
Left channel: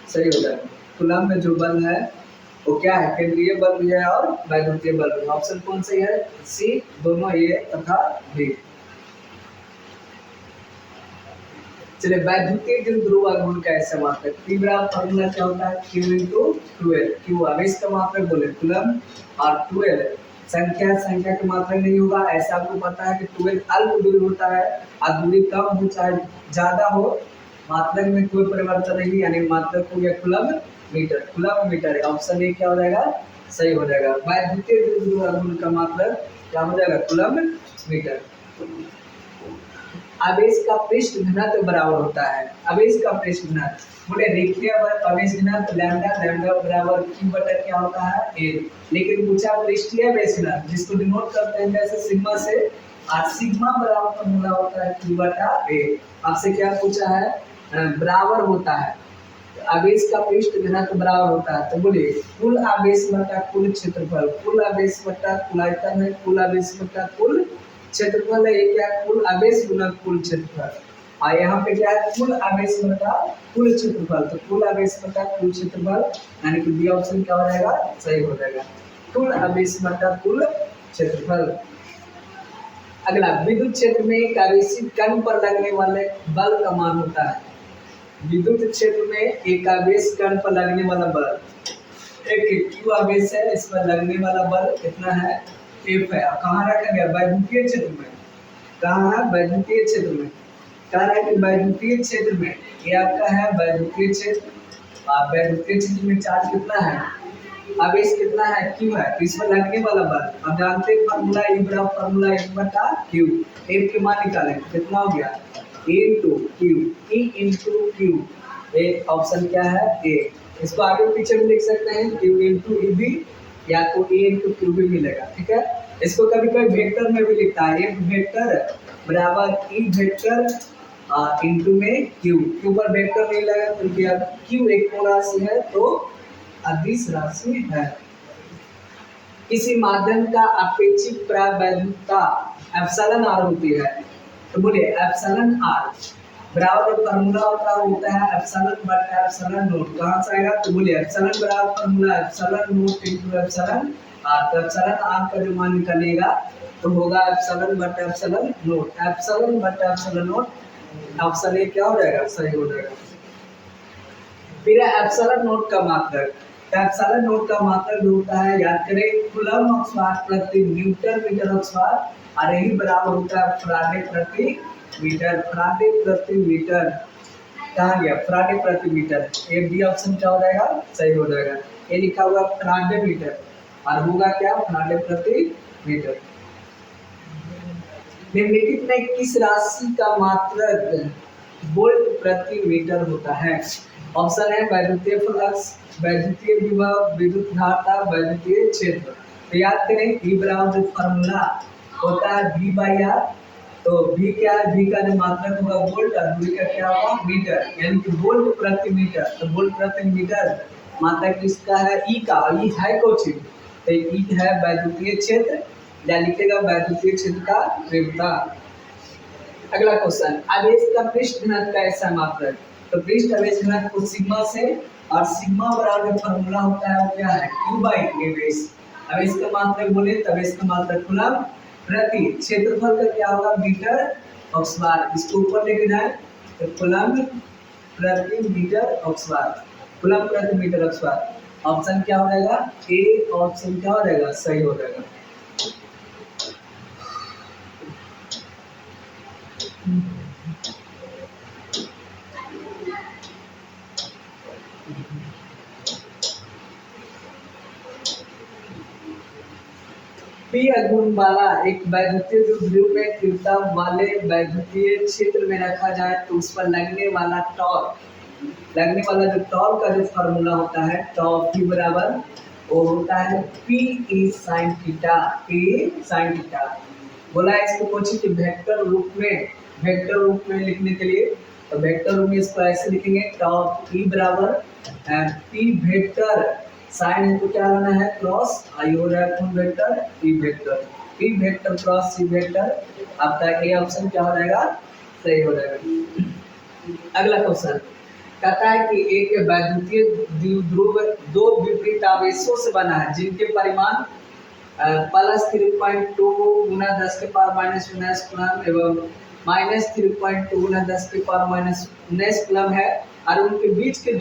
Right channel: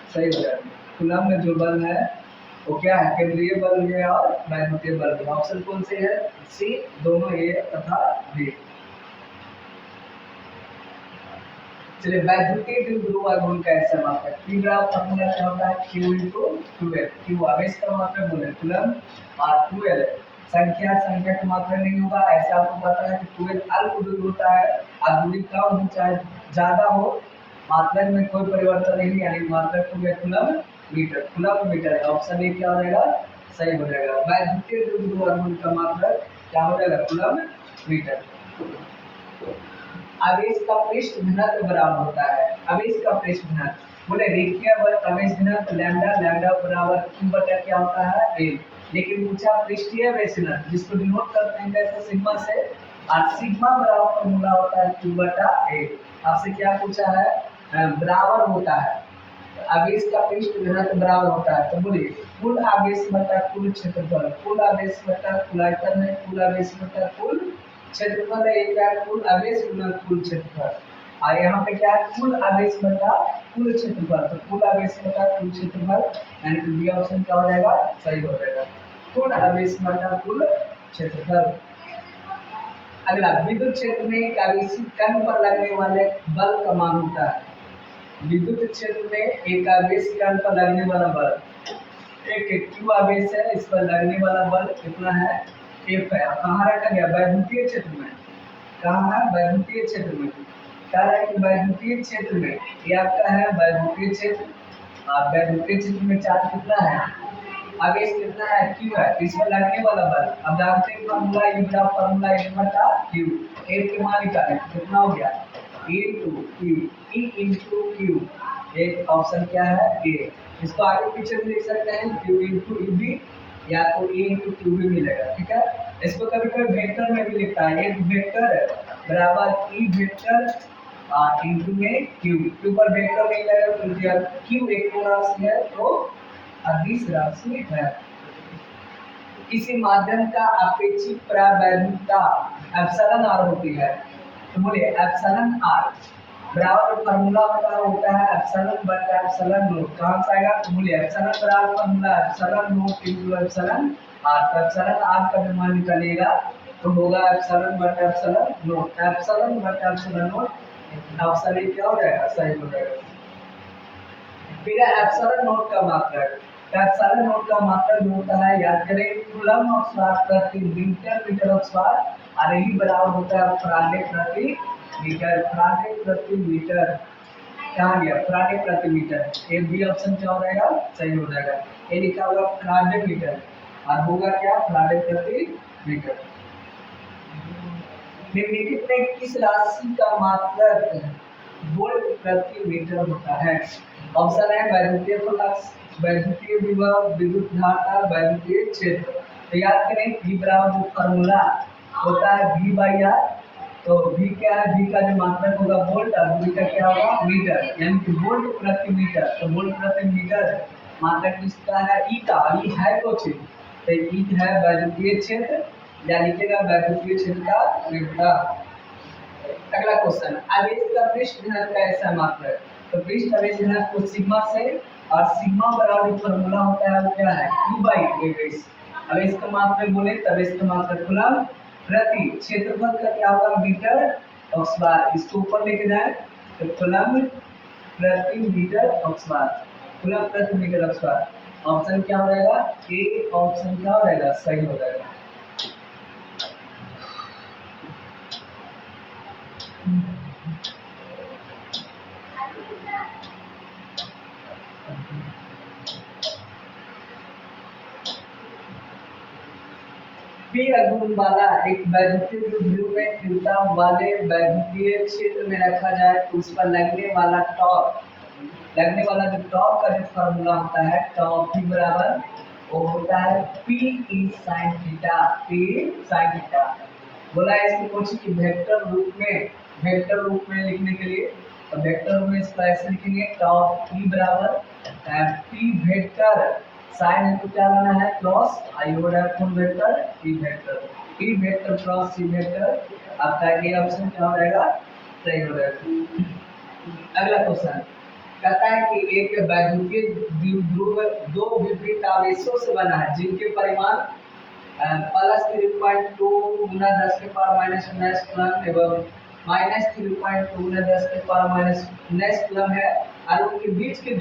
सही हो जाएगा। कूलम्ब में जो बल है वो क्या है, केंद्रीय बल भी है और वैद्युतीय बल भी। ऑप्शन कौन सही है, सी दोनों ए तथा बी। चलिए वैद्युतीय द्विध्रुव आघूर्ण का ऐसा मात्रक, पी बराबर फॉर्मूला क्या होता है Q × 2L। Q आवेश का मात्रक बोले कूलम्ब और 2L संख्या की मात्रक नहीं होगा। ऐसा आपको पता है कि 2L अल्प दूरी होता है और दूरी कम हो चाहे ज्यादा हो, मात्रक में कोई परिवर्तन नहीं, यानी मात्रक हो गया कूलम्ब मीटर है। ऑप्शन ए क्या हो जाएगा, सही हो जाएगा। वैद्युतीय द्विध्रुव आघूर्ण का मात्रक क्या हो जाएगा, कूलम्ब मीटर। आवेश का पृष्ठ घनत्व बराबर होता है, आवेश का पृष्ठ घनत्व बोले रेखीय आवेश घनत्व लैम्डा बराबर Q बटा क्या होता है A। लेकिन पूछा पृष्ठीय आवेश घनत्व जिसको डिनोट करते हैं कैसे, सिग्मा से, और सिग्मा बराबर फॉर्मूला होता है Q बटा A। आपसे क्या पूछा है, बराबर होता है, आवेश का पृष्ठ घनत्व बराबर होता है। तो बोलिए कुल आवेश बटा कुल क्षेत्रफल, कुल आवेश बटा कुल आयतन है, कुल आवेश बटा कुल क्षेत्रफल है। ये क्या है, कुल आवेश गुना कुल क्षेत्रफल, और यहाँ पे क्या है कुल आवेश बटा कुल क्षेत्रफल। तो कुल आवेश बटा कुल क्षेत्रफल यानी कि बी ऑप्शन क्या हो जाएगा, सही हो जाएगा, कुल आवेश बटा कुल क्षेत्रफल। अगला, विद्युत क्षेत्र में एक आवेशित कण पर लगने वाले बल का मान होता है। विद्युत क्षेत्र में एक आवेश कण पर लगने वाला बल, एक Q आवेश है, इस पर लगने वाला बल कितना है, F है। कहाँ रखा गया, वैद्युतीय क्षेत्र में। कहाँ है, वैद्युतीय क्षेत्र में। कह रहा है कि वैद्युतीय क्षेत्र में, ये आपका है वैद्युतीय क्षेत्र, और वैद्युतीय क्षेत्र में चार्ज कितना है, आवेश कितना है, Q है, इस पर लगने वाला बल। अब जानते हैं फॉर्मूला E बराबर फॉर्मूला F बटा Q। F के मान निकालें कितना हो गया, E into Q। एक ऑप्शन क्या है, A। इसको आगे पीछे भी लिख सकते हैं Q into EB या तो A into Q भी मिलेगा। ठीक है, इसको कभी कभी वेक्टर में भी लिखता है, एक वेक्टर बराबर E वेक्टर इंटू में Q पर वेक्टर नहीं लगेगा तो Q एक को राशि है तो अदिश राशि है। किसी माध्यम का अपेक्षित प्रावैधता एप्सिलॉन r होती है। तो बोलिए एप्सिलॉन r बराबर फार्मूला होता है एप्सिलॉन बटा एप्सिलॉन नोट। कहाँ से आएगा, तो बोलिए एप्सिलॉन बराबर formula epsilon note into epsilon r। तो एप्सिलॉन r का जो मान निकलेगा तो होगा एप्सिलॉन बटा एप्सिलॉन नोट, एप्सिलॉन बटा एप्सिलॉन नोट। ऑप्शन ए क्या हो जाएगा, सही हो जाएगा। फिर एप्सिलॉन नोट का मात्रक, एप्सिलॉन नोट का मात्रक जो होता है याद करें कूलम्ब ऑक्सफोर्ड प्रति न्यूटन मीटर ऑक्सफोर्ड, और यही बराबर होता है फराडे प्रति मीटर। फराडे प्रति मीटर कहाँ गया, फराडे प्रति मीटर। ए बी ऑप्शन क्या हो जाएगा, सही हो जाएगा। ये लिखा हुआ फराडे मीटर और होगा क्या, फराडे प्रति मीटर। निम्नलिखित में किस राशि का मात्रक वोल्ट प्रति मीटर होता है। ऑप्शन है वैद्युतीय फ्लक्स, वैद्युतीय विभव, विद्युत धारा, वैद्युतीय क्षेत्र। तो याद करें V बराबर जो फॉर्मूला होता है V बाई R, तो V क्या है, V का जो मात्रक होगा वोल्ट और V का क्या होगा मीटर, यानी कि वोल्ट प्रति मीटर। तो वोल्ट प्रति मीटर मात्रक किसका है, E का। E है कुछ, तो E है वैद्युतीय क्षेत्र, या लिखेगा वैद्युतीय क्षेत्र का तीव्रता। अगला क्वेश्चन, आवेश का पृष्ठ घनत्व का ऐसा मात्रक। तो पृष्ठ आवेश घनत्व को सिग्मा से, और सिग्मा बराबर जो फॉर्मूला होता है वो क्या है, Q बाई आवेश। आवेश का मात्रक बोले तो आवेश का मात्रक कूलम्ब, प्रति, क्षेत्रफल का क्या होगा मीटर ऑक्सबार, इसको ऊपर लेके जाए तो कूलम प्रति मीटर ऑक्सबार, कूलम प्रति मीटर ऑक्सबार। ऑप्शन क्या हो जाएगा ए, ऑप्शन क्या हो जाएगा सही हो जाएगा। पी आघूर्ण वाला एक वैद्युतीय ध्रुव में तीव्रता वाले वैद्युतीय क्षेत्र में रखा जाए तो उस पर लगने वाला टॉर्क, लगने वाला जो टॉर्क का जो फार्मूला होता है टॉर्क पी बराबर वो होता है P E sine theta, P sine theta. बोला है इसको पूछे कि वेक्टर रूप में, वेक्टर रूप में लिखने के लिए तो वेक्टर रूप में इसको ऐसे लिखेंगे टॉर्क पी बराबर पी वेक्टर साइन है तो क्या लाना है क्रॉस, आई हो रहा है कौन vector E vector, E vector cross C vector. आपका ए ऑप्शन क्या हो जाएगा सही हो जाएगा। अगला क्वेश्चन कहता है कि एक वैद्युतीय द्विध्रुव दो विपरीत आवेशों से बना है जिनके परिमाण +3.2 गुना 10 के पावर -19 कूलम एवं -3.2 गुना 10 के पावर -19 कूलम है और उनके बीच की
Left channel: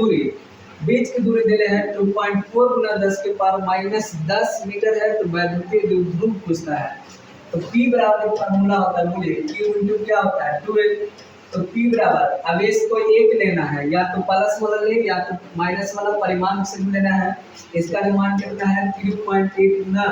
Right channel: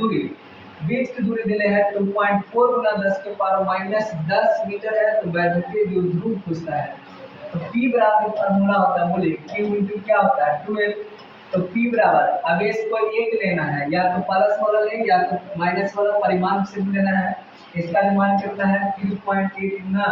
दूरी दिले है 2.4 गुना 10 के पावर -10 मीटर है। तो वैद्युतीय द्विध्रुव पूछता है तो P बराबर फार्मूला होता है, बोलिए Q इंटू क्या होता है 12। तो P बराबर आवेश को एक लेना है, या तो प्लस वाला ले या तो माइनस वाला परिमाण से लेना है। इसका अनुमान कितना है 3.8 गुना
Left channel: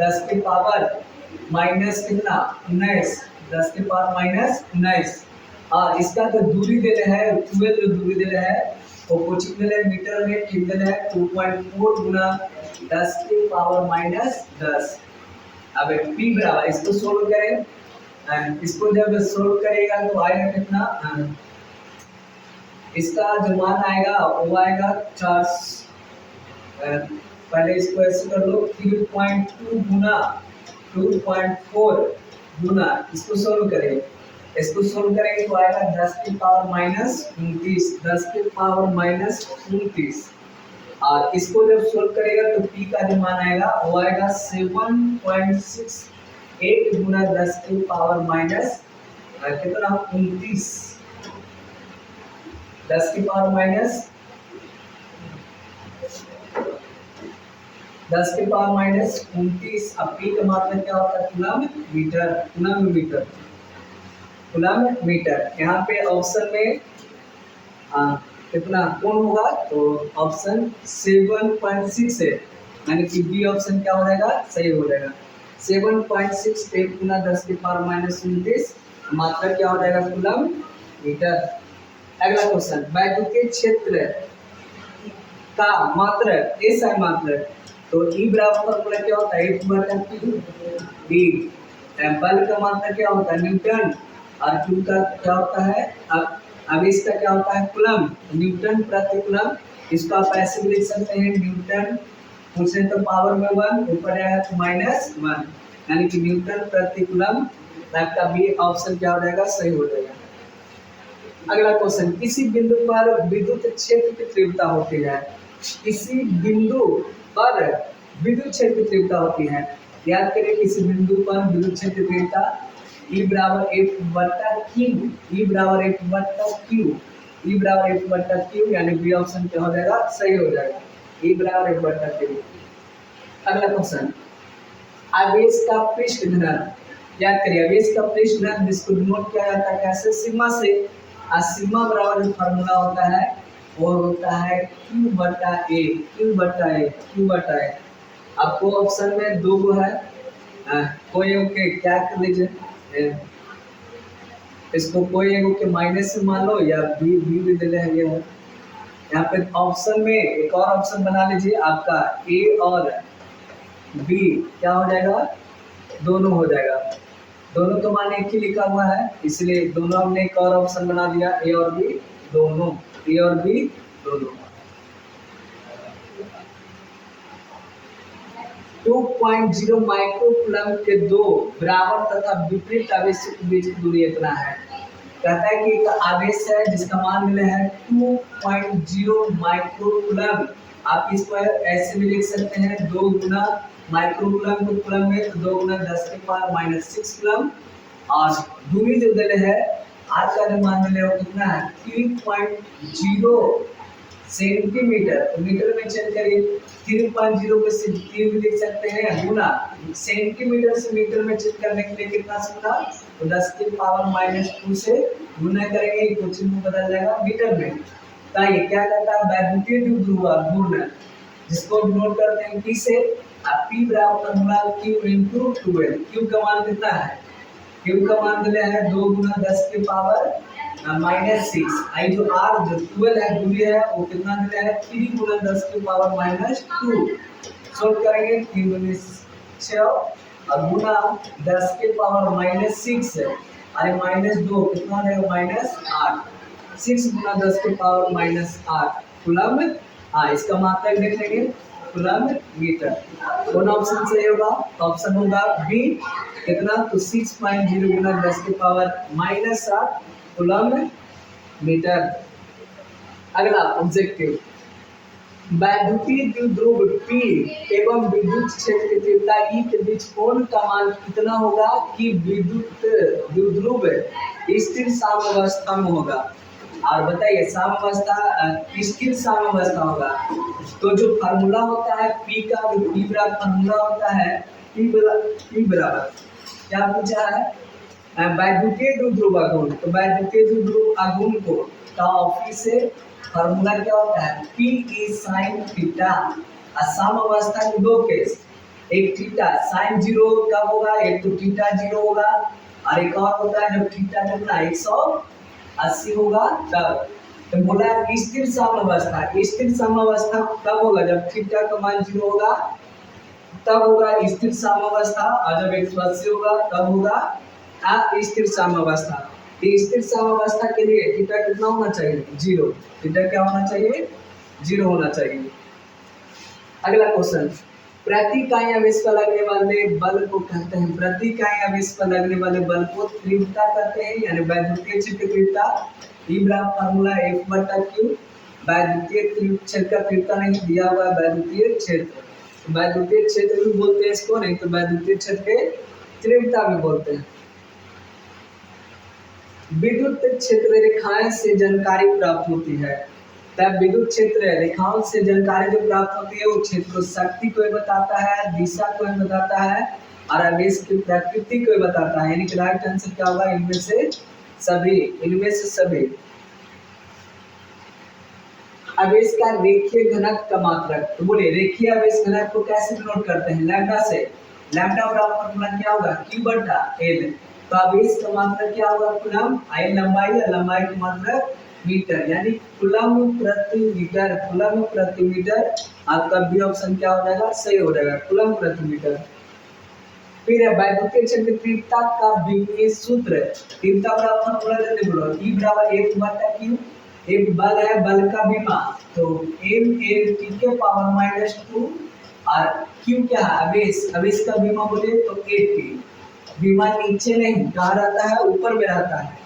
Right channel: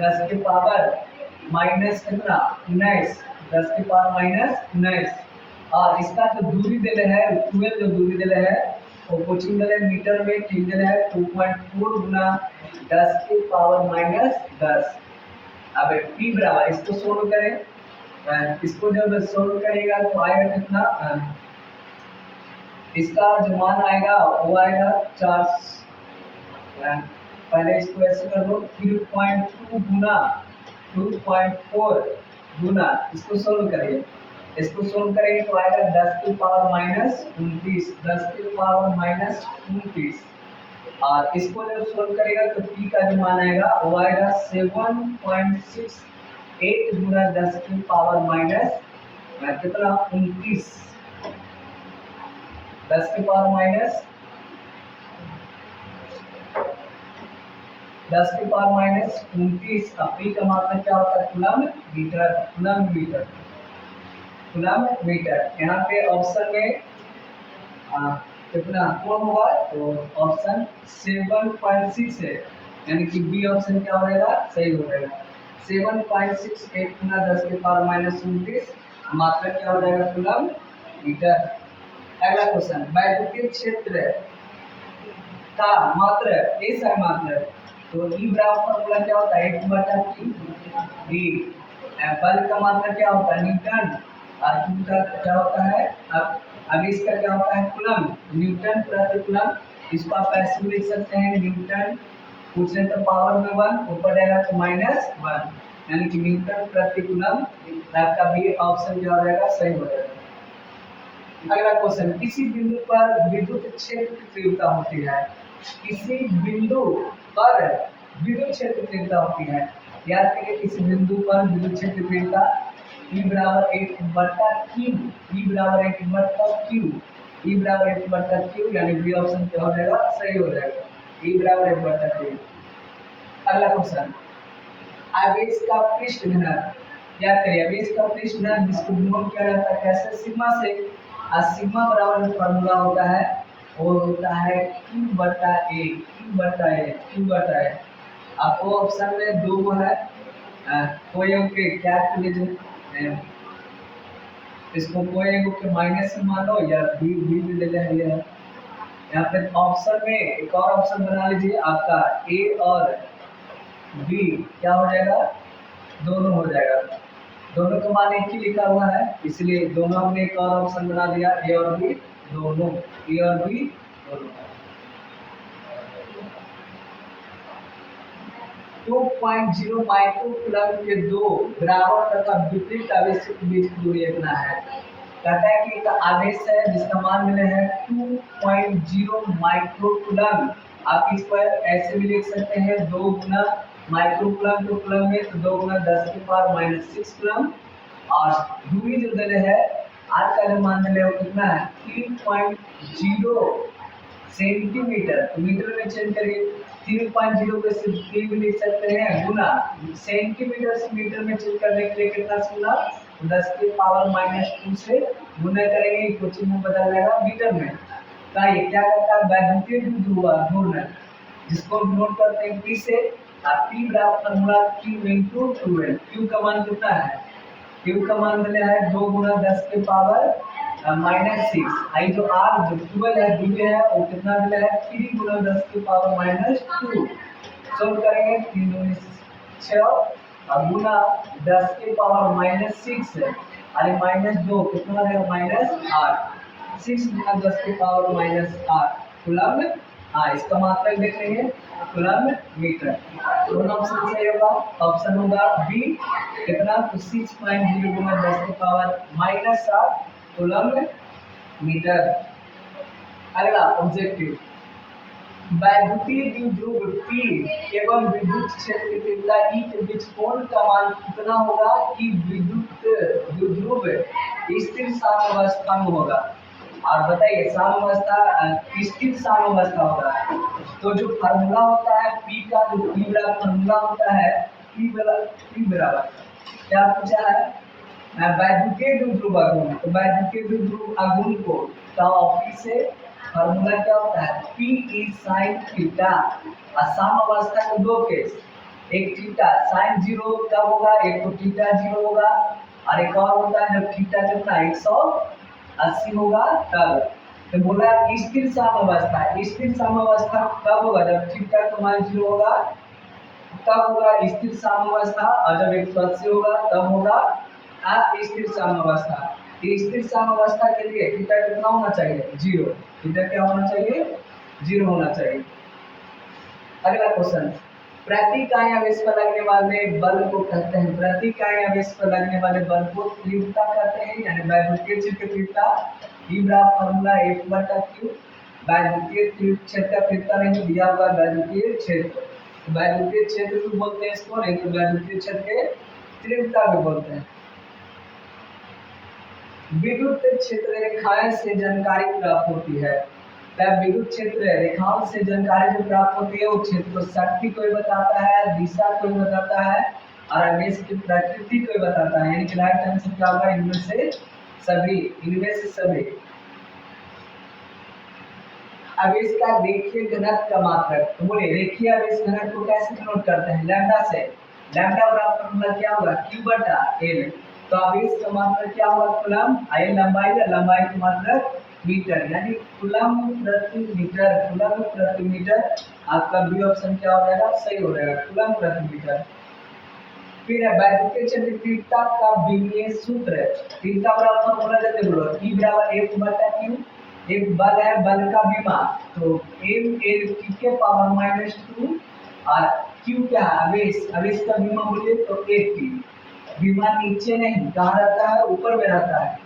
10 के पावर माइनस कितना 19, 10 के पावर -19 और इसका जो दूरी देले है 12, जो दूरी देले है वो कोचिंग देले मीटर में, ठीक देले है 2.4 गुना 10 के पावर -10। अब P बराबर इसको सोल्व करें, इसको जब सोल्व करेगा तो आएगा कितना, इसका जो मान आएगा वो आएगा 4, पहले इसको ऐसे कर लो 3.2 गुना 2.4 गुना, इसको सोल्व करें, इसको सोल्व करेंगे तो आएगा 10 की पावर -29, 10 की पावर -29 और इसको जब सोल्व करेगा तो P का जो मान आएगा वो आएगा 7.68 गुना 10 की पावर माइनस कितना 29, 10 की पावर -29। अब P का मतलब क्या होता है coulomb metre, coulomb metre, coulomb metre. यहाँ पे ऑप्शन में कितना कौन होगा तो ऑप्शन 7.6 है, यानी कि बी ऑप्शन क्या हो जाएगा सही हो जाएगा। 7.68 गुना 10 के पावर -29 मात्रा क्या हो जाएगा कूलम मीटर। अगला क्वेश्चन वैद्युतीय क्षेत्र का मात्रक ऐसा मात्रक तो ई बराबर फॉर्मूला क्या होता है F/Q डी, बल का मात्रक क्या होता है न्यूटन और Q का क्या होता है अब इसका क्या होता है कूलम, न्यूटन प्रति कूलम। इसको आप ऐसे भी लिख सकते हैं न्यूटन पूछने तो पावर में 1 ऊपर जाएगा तो -1, यानी कि न्यूटन प्रति कूलम। आपका बी ऑप्शन क्या हो जाएगा सही हो जाएगा। अगला क्वेश्चन किसी बिंदु पर विद्युत क्षेत्र की तीव्रता होती है, किसी बिंदु पर विद्युत क्षेत्र की तीव्रता होती है, याद करिए किसी बिंदु पर विद्युत क्षेत्र की तीव्रता E बराबर F/Q, E बराबर F/Q, E बराबर F/Q, यानी बी ऑप्शन क्या हो जाएगा सही हो जाएगा, E बराबर F/Q। अगला क्वेश्चन आवेश का पृष्ठ घनत्व, याद करिए आवेश का पृष्ठ घनत्व जिसको नोट किया जाता है कैसे सिग्मा से, सिग्मा बराबर जो फार्मूला होता है वो होता है Q/A, Q/A, Q/A। आपको ऑप्शन में दो गो है, कोई के क्या कर लीजिए इसको कोई एक के माइनस से मान लो या बी भी दे है। यहाँ पे ऑप्शन में एक और ऑप्शन बना लीजिए आपका ए और बी क्या हो जाएगा दोनों हो जाएगा, दोनों का मान एक ही लिखा हुआ है इसलिए दोनों हमने एक और ऑप्शन बना दिया ए और बी दोनों, ए और बी दोनों। 2.0 माइक्रो कूलम के दो बराबर तथा विपरीत आवेशों के बीच की दूरी इतना है। कहता है कि एक आवेश है जिसका मान मिले है 2.0 माइक्रो कूलम आप इसको ऐसे भी लिख सकते हैं 2 गुना माइक्रो कूलम को कूलम में, तो 2 गुना 10 के पावर माइनस 6 कूलम। और दूरी जो दिले है आज का जो मान दिले वो कितना है 3.0 सेंटीमीटर। तो मीटर में चेंज करिए, 3.0 पे सिर्फ 3 भी लिख सकते हैं, गुना सेंटीमीटर से मीटर में चेंज करने के लिए कितना से गुना, तो 10 के पावर माइनस 2 से गुना करेंगे, क्वेश्चन में बदल जाएगा मीटर में। तो ये क्या करता है वैद्युतीय द्विध्रुव घूर्णन, जिसको नोट करते हैं P से। अब P बराबर फॉर्मूला Q into 12। Q का मान कितना है, Q का मान दिया है 2 गुना 10 के पावर माइनस 6। आई जो R जो 12 है दूरी है वो कितना दिया है 3 गुना 10 के पावर माइनस 2। सोल्व करेंगे 3 दूनी 6 और गुना 10 के पावर माइनस 6 अरे माइनस 2 कितना है माइनस 8। 6 गुना 10 के पावर माइनस 8 कूलम। हाँ इसका मात्रक देख लेंगे कूलम मीटर। कौन ऑप्शन सही होगा, ऑप्शन होगा बी। कितना, तो 6.0 गुना 10 के पावर माइनस 8 कूलम मीटर। अगला ऑब्जेक्टिव, वैद्युतीय द्विध्रुव P एवं विद्युत क्षेत्र की तीव्रता E के बीच कोण का मान कितना होगा कि विद्युत द्विध्रुव स्थिर साम्यावस्था में होगा। और बताइए साम्यावस्था स्थिर साम्यावस्था होगा तो जो फार्मूला होता है P का, जो P बराबर फार्मूला होता है P बराबर क्या पूछा है वैद्युतीय द्विध्रुव आघूर्ण। तो वैद्युतीय द्विध्रुव आघूर्ण को टॉप से फार्मूला क्या होता है P ई साइन थीटा। साम्यावस्था के दो केस, एक थीटा साइन 0 कब होगा, एक तो थीटा 0 होगा और एक और होता है जब थीटा कितना 180 होगा तब। तो बोला स्थिर साम्यावस्था, स्थिर साम्यावस्था कब होगा जब थीटा का मान 0 होगा तब होगा स्थिर साम्यावस्था, और जब 180 होगा तब होगा अस्थिर साम्यावस्था। स्थिर साम्यावस्था के लिए थीटा कितना होना चाहिए 0। थीटा क्या होना चाहिए 0 होना चाहिए। अगला क्वेश्चन, प्रति इकाई आवेश पर लगने वाले बल को कहते हैं, प्रति इकाई आवेश पर लगने वाले बल को तीव्रता कहते हैं, यानी वैद्युतीय क्षेत्र की तीव्रता। ई बराबर फार्मूला F बटा Q। वैद्युतीय क्षेत्र का तीव्रता नहीं दिया हुआ वैद्युतीय क्षेत्र, वैद्युतीय क्षेत्र भी बोलते हैं इसको, नहीं तो वैद्युतीय क्षेत्र के तीव्रता भी बोलते हैं। विद्युत क्षेत्र रेखाएं से जानकारी प्राप्त होती है, तब विद्युत क्षेत्र रेखाओं से जानकारी जो प्राप्त होती है वो क्षेत्र शक्ति को बताता है, दिशा को बताता है और आवेश की प्रकृति को बताता है। यानी कि राइट आंसर क्या होगा इनमें से सभी, इनमें से सभी। आवेश का रेखीय घनत्व का मात्रक, तो बोले रेखीय आवेश घनत्व को कैसे नोट करते हैं लैम्डा से। लैम्डा बराबर फॉर्मूला क्या होगा Q बटा L। तो आवेश का मात्रक क्या होगा कूलम, आई लंबाई या लंबाई की मात्रक मीटर, यानी कूलम प्रति मीटर, कूलम प्रति मीटर। आपका बी ऑप्शन क्या हो जाएगा सही हो जाएगा कूलम प्रति मीटर। फिर है वैद्युतीय क्षेत्र की तीव्रता का विमीय सूत्र, तीव्रता बराबर फॉर्मूला देते बोलो E बराबर F बटा Q। एक बल है, बल का विमा तो m l t के पावर माइनस 2 और q क्या है आवेश, आवेश का विमा बोले तो at। विमा नीचे नहीं कहाँ रहता है ऊपर में रहता है,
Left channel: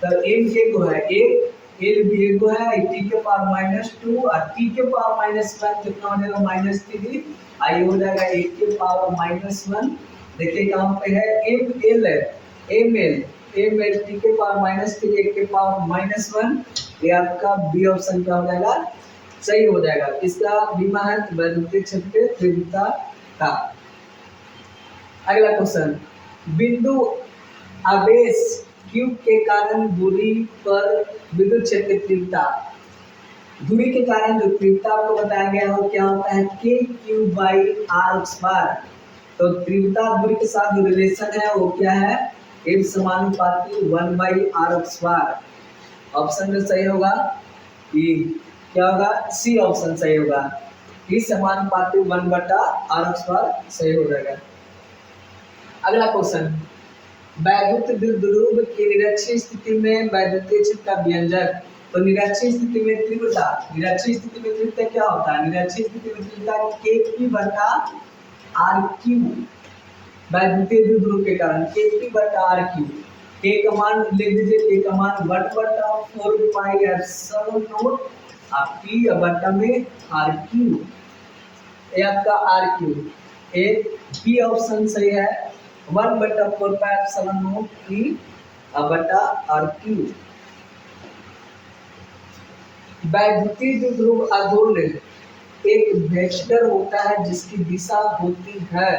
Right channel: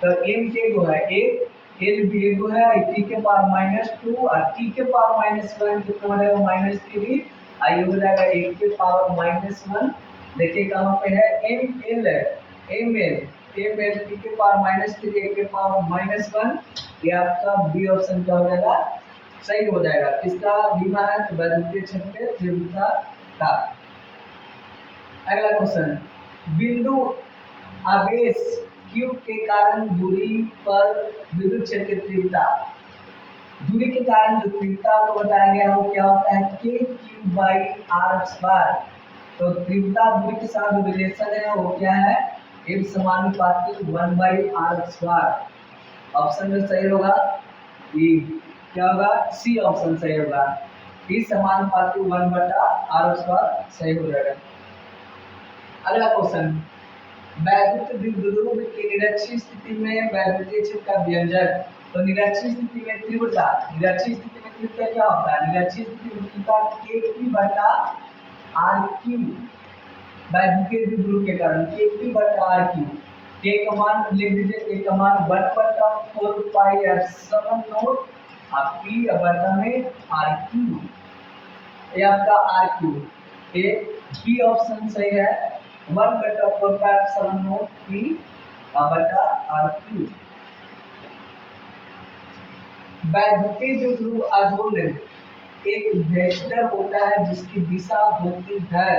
तो m के गो है 1, l भी एक गो है, t के पावर माइनस 2 और t के पावर माइनस 1 कितना हो जाएगा माइनस 3। आई हो जाएगा 1 के पावर माइनस 1। देखिए कहाँ पे है m l है, m l टी के पावर माइनस 3 1 के पावर माइनस 1। ये आपका बी ऑप्शन क्या हो जाएगा सही हो जाएगा। इसका बीमा है तो वैद्युतीय क्षेत्र तीव्रता का। अगला क्वेश्चन, बिंदु आवेश Q के कारण दूरी पर विद्युत क्षेत्र की तीव्रता, दूरी के कारण जो तीव्रता आपको बताया गया हो क्या होता है KQ/R²। तो तीव्रता दूरी के साथ जो रिलेशन है वो क्या है एक समानुपाती 1/R²। ऑप्शन में सही होगा ई, क्या होगा सी ऑप्शन सही होगा, ई समानुपाती 1/R² सही हो जाएगा। अगला क्वेश्चन, वैद्युत द्विध्रुव की निरक्षीय स्थिति में वैद्युतीय क्षेत्र का व्यंजक। तो निरक्षीय स्थिति में तीव्रता, निरक्षीय स्थिति में तीव्रता क्या होता है, निरक्षीय स्थिति में तीव्रता KP/RQ। वैद्युतीय द्विध्रुव के कारण KP/RQ। के का मान लिख दीजिए, के का मान 1/4 पाई एप्सिलॉन नॉट आप पी बटा में आर क्यू, ये आपका R Q, A B option सही है। 1/4 पी बटा आर क्यू। वैद्युतीय द्विध्रुव आघूर्ण एक वेक्टर होता है जिसकी दिशा होती है।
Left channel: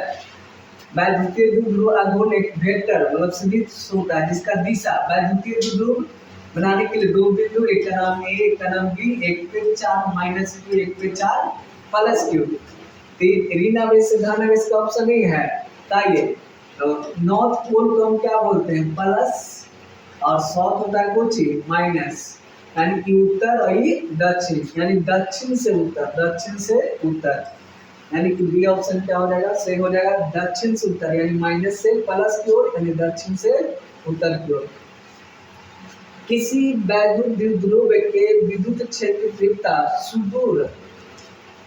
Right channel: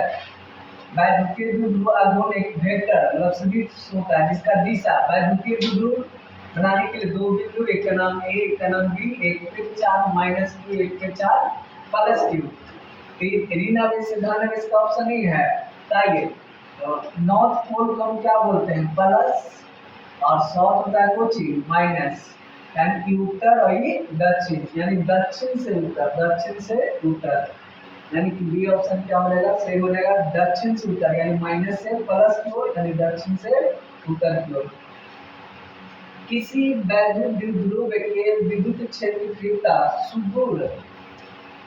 वैद्युतीय द्विध्रुव आघूर्ण एक वेक्टर मतलब सदिश होता है जिसका दिशा, वैद्युतीय द्विध्रुव बनाने के लिए दो बिंदु, एक का नाम ए एक का नाम बी, एक पे 4 माइनस क्यू एक पे 4 प्लस क्यू। ऋण आवेश से धन आवेश का ऑप्शन नहीं है, बताइए। तो नॉर्थ पोल को हम क्या बोलते हैं, प्लस, और साउथ होता है कोची माइनस, यानी कि उत्तर और ये दक्षिण, यानी दक्षिण से उत्तर, दक्षिण से उत्तर, यानी कि बी ऑप्शन क्या हो जाएगा, सही हो जाएगा। दक्षिण से उत्तर यानी माइनस से प्लस की ओर, यानी दक्षिण से उत्तर की ओर। किसी वैद्युत द्विध्रुव के विद्युत क्षेत्र की तीव्रता सुदूर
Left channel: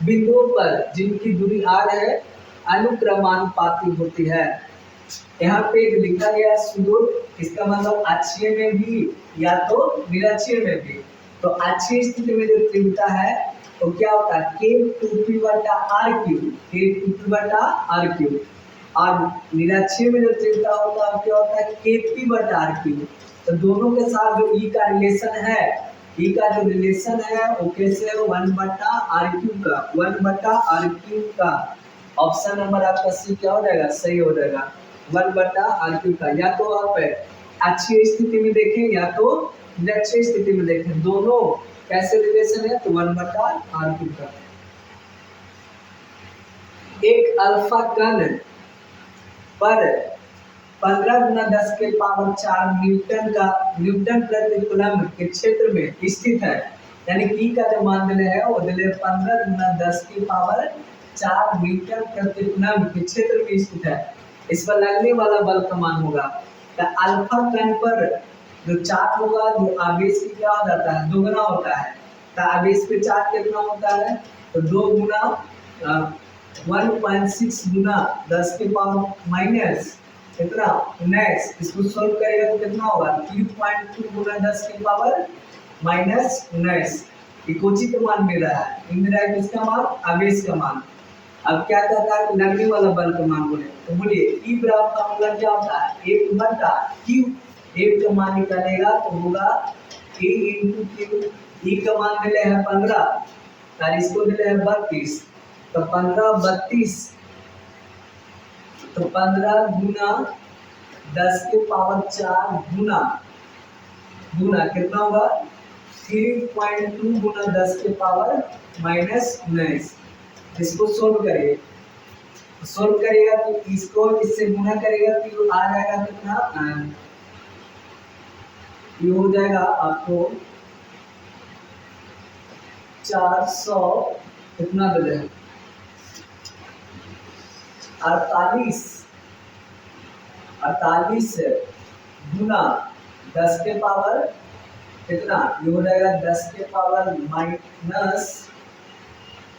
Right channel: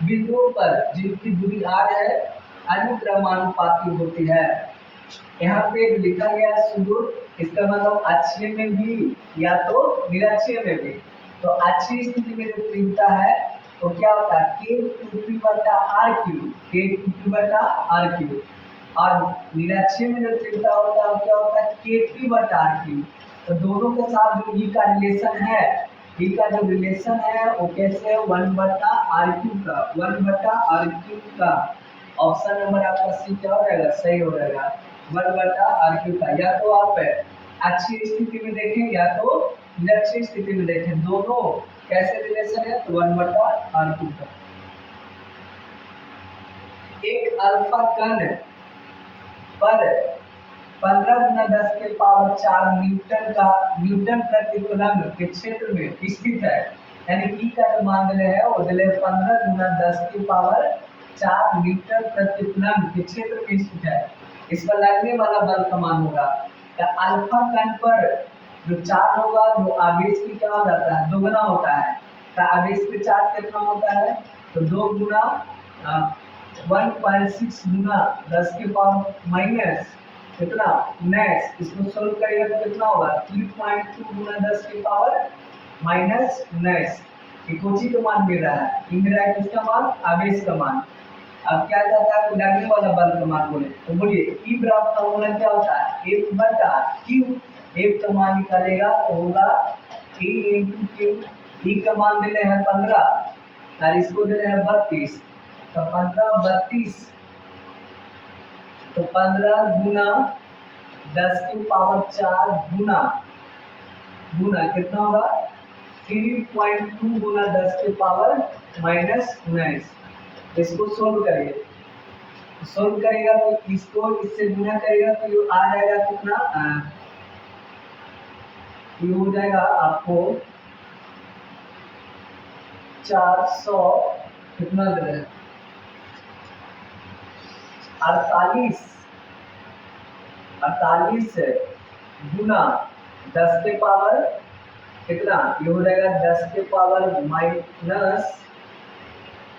बिंदुओं पर जिनकी दूरी आर है अनुक्रमानुपाती होती है। यहाँ पे लिखा गया सुदूर, इसका मतलब अक्षीय में भी या तो निरक्षीय में भी। तो अक्षीय स्थिति में जो तीव्रता है तो क्या होता है, K2P बटा आर क्यू, K2P बटा आर क्यू, और निरक्षीय में जो तीव्रता होता है क्या होता है, KP बटा आर क्यू। तो दोनों के साथ जो ई का रिलेशन है, ई का जो रिलेशन है वो कैसे है, 1/r³ का, 1/r³ का। ऑप्शन नंबर आपका सी क्या हो जाएगा, सही हो जाएगा, 1/r³ का। या तो आप अक्षीय स्थिति में देखें या तो निरक्षीय स्थिति में देखें, दोनों कैसे रिलेशन है, तो 1/r³ का। एक अल्फा कण पर 15×10⁴ न्यूटन प्रति कूलम के क्षेत्र में स्थित है, यानी ई का जो मान दिले है वो दिले 15×10⁴ न्यूटन प्रति कूलम के क्षेत्र में स्थित है। इस पर लगने वाला बल का मान होगा। तो अल्फा कण पर जो चार्ज होगा, जो आवेश की क्या हो जाता है, दोगुना होता है। तो आवेश पे चार्ज कितना होता है, तो 2 गुना 1.6 गुना 10⁻⁻ कितना 19। इसको सॉल्व करेगा तो कितना होगा, 3.2 गुना 10⁻⁻19। ये कोची का मान मिल रहा है, ये मिल रहा है किसका मान, आवेश का मान। अब क्या कहता है, लगने वाला बल का मान बोले तो बोलिए ई बराबर फॉर्मूला क्या होता है, F बटा Q। F का मान निकालेगा तो होगा E into Q। E का मान दिले हैं 15 और इसको दिले हैं 32, तो 15 32, तो 15 गुना 10⁴ गुना कितना होगा, 3.2 गुना 10⁻⁻19। इसको सोल्व करिए, सोल्व करेगा तो इसको इससे गुना करेगा तो ये आ जाएगा कितना, ये हो जाएगा आपको 400 कितना दे, 48 गुना 10⁻, कितना, ये हो जाएगा 10⁻⁻,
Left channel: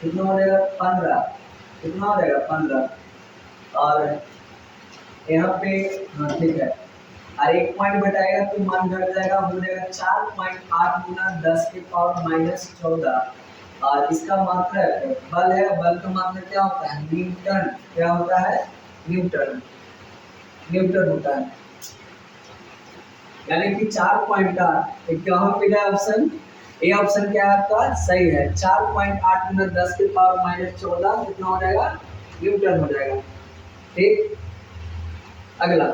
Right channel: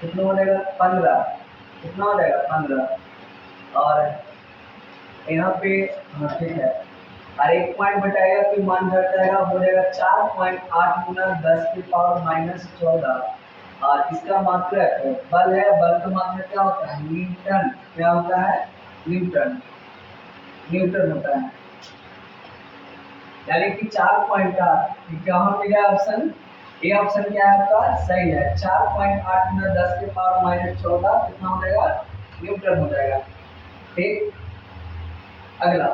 कितना हो जाएगा 15, कितना हो जाएगा 15। और यहाँ पे हाँ ठीक है, और एक पॉइंट बटाएगा तो मान घट जाएगा, हो जाएगा 4.8 गुना 10⁻14। और इसका मात्रक बल है, बल का मात्रक क्या होता है, न्यूटन। क्या होता है, न्यूटन, न्यूटन होता है। यानी कि 4.8 कहाँ पे जाए ऑप्शन, ए ऑप्शन क्या है आपका, सही है। 4.8 गुना 10⁻14 कितना हो जाएगा, न्यूटन हो जाएगा। ठीक, अगला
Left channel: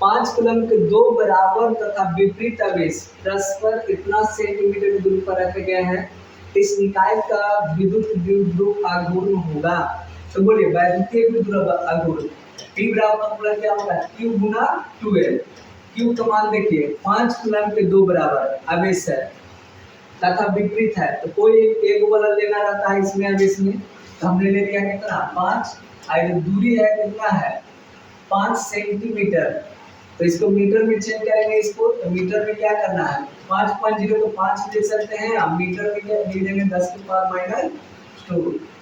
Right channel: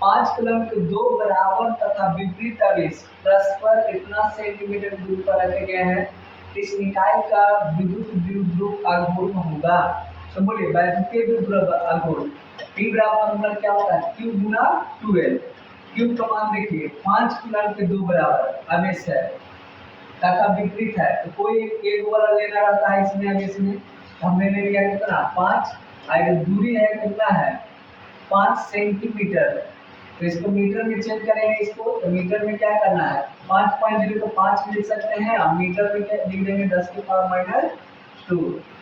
5 कूलम के दो बराबर तथा विपरीत आवेश परस्पर इतना सेंटीमीटर दूर पर रखे गए हैं, इस निकाय का विद्युत द्विध्रुव आघूर्ण होगा। तो बोलिए वैद्युतीय द्विध्रुव आघूर्ण P बराबर फॉर्मूला क्या होगा, Q गुना 2L। Q का मान देखिए, 5 कूलम के दो बराबर आवेश है तथा विपरीत है, तो कोई एक वाला लेना रहता है इसमें आवेश में, तो हमने ले लिया कितना 5, और दूरी है कितना है 5 सेंटीमीटर। तो इसको मीटर में चेंज करेंगे, इसको तो मीटर में क्या करना है, 5.0 को 5 लिख सकते हैं, अब मीटर में क्या लिख देंगे 10⁻²।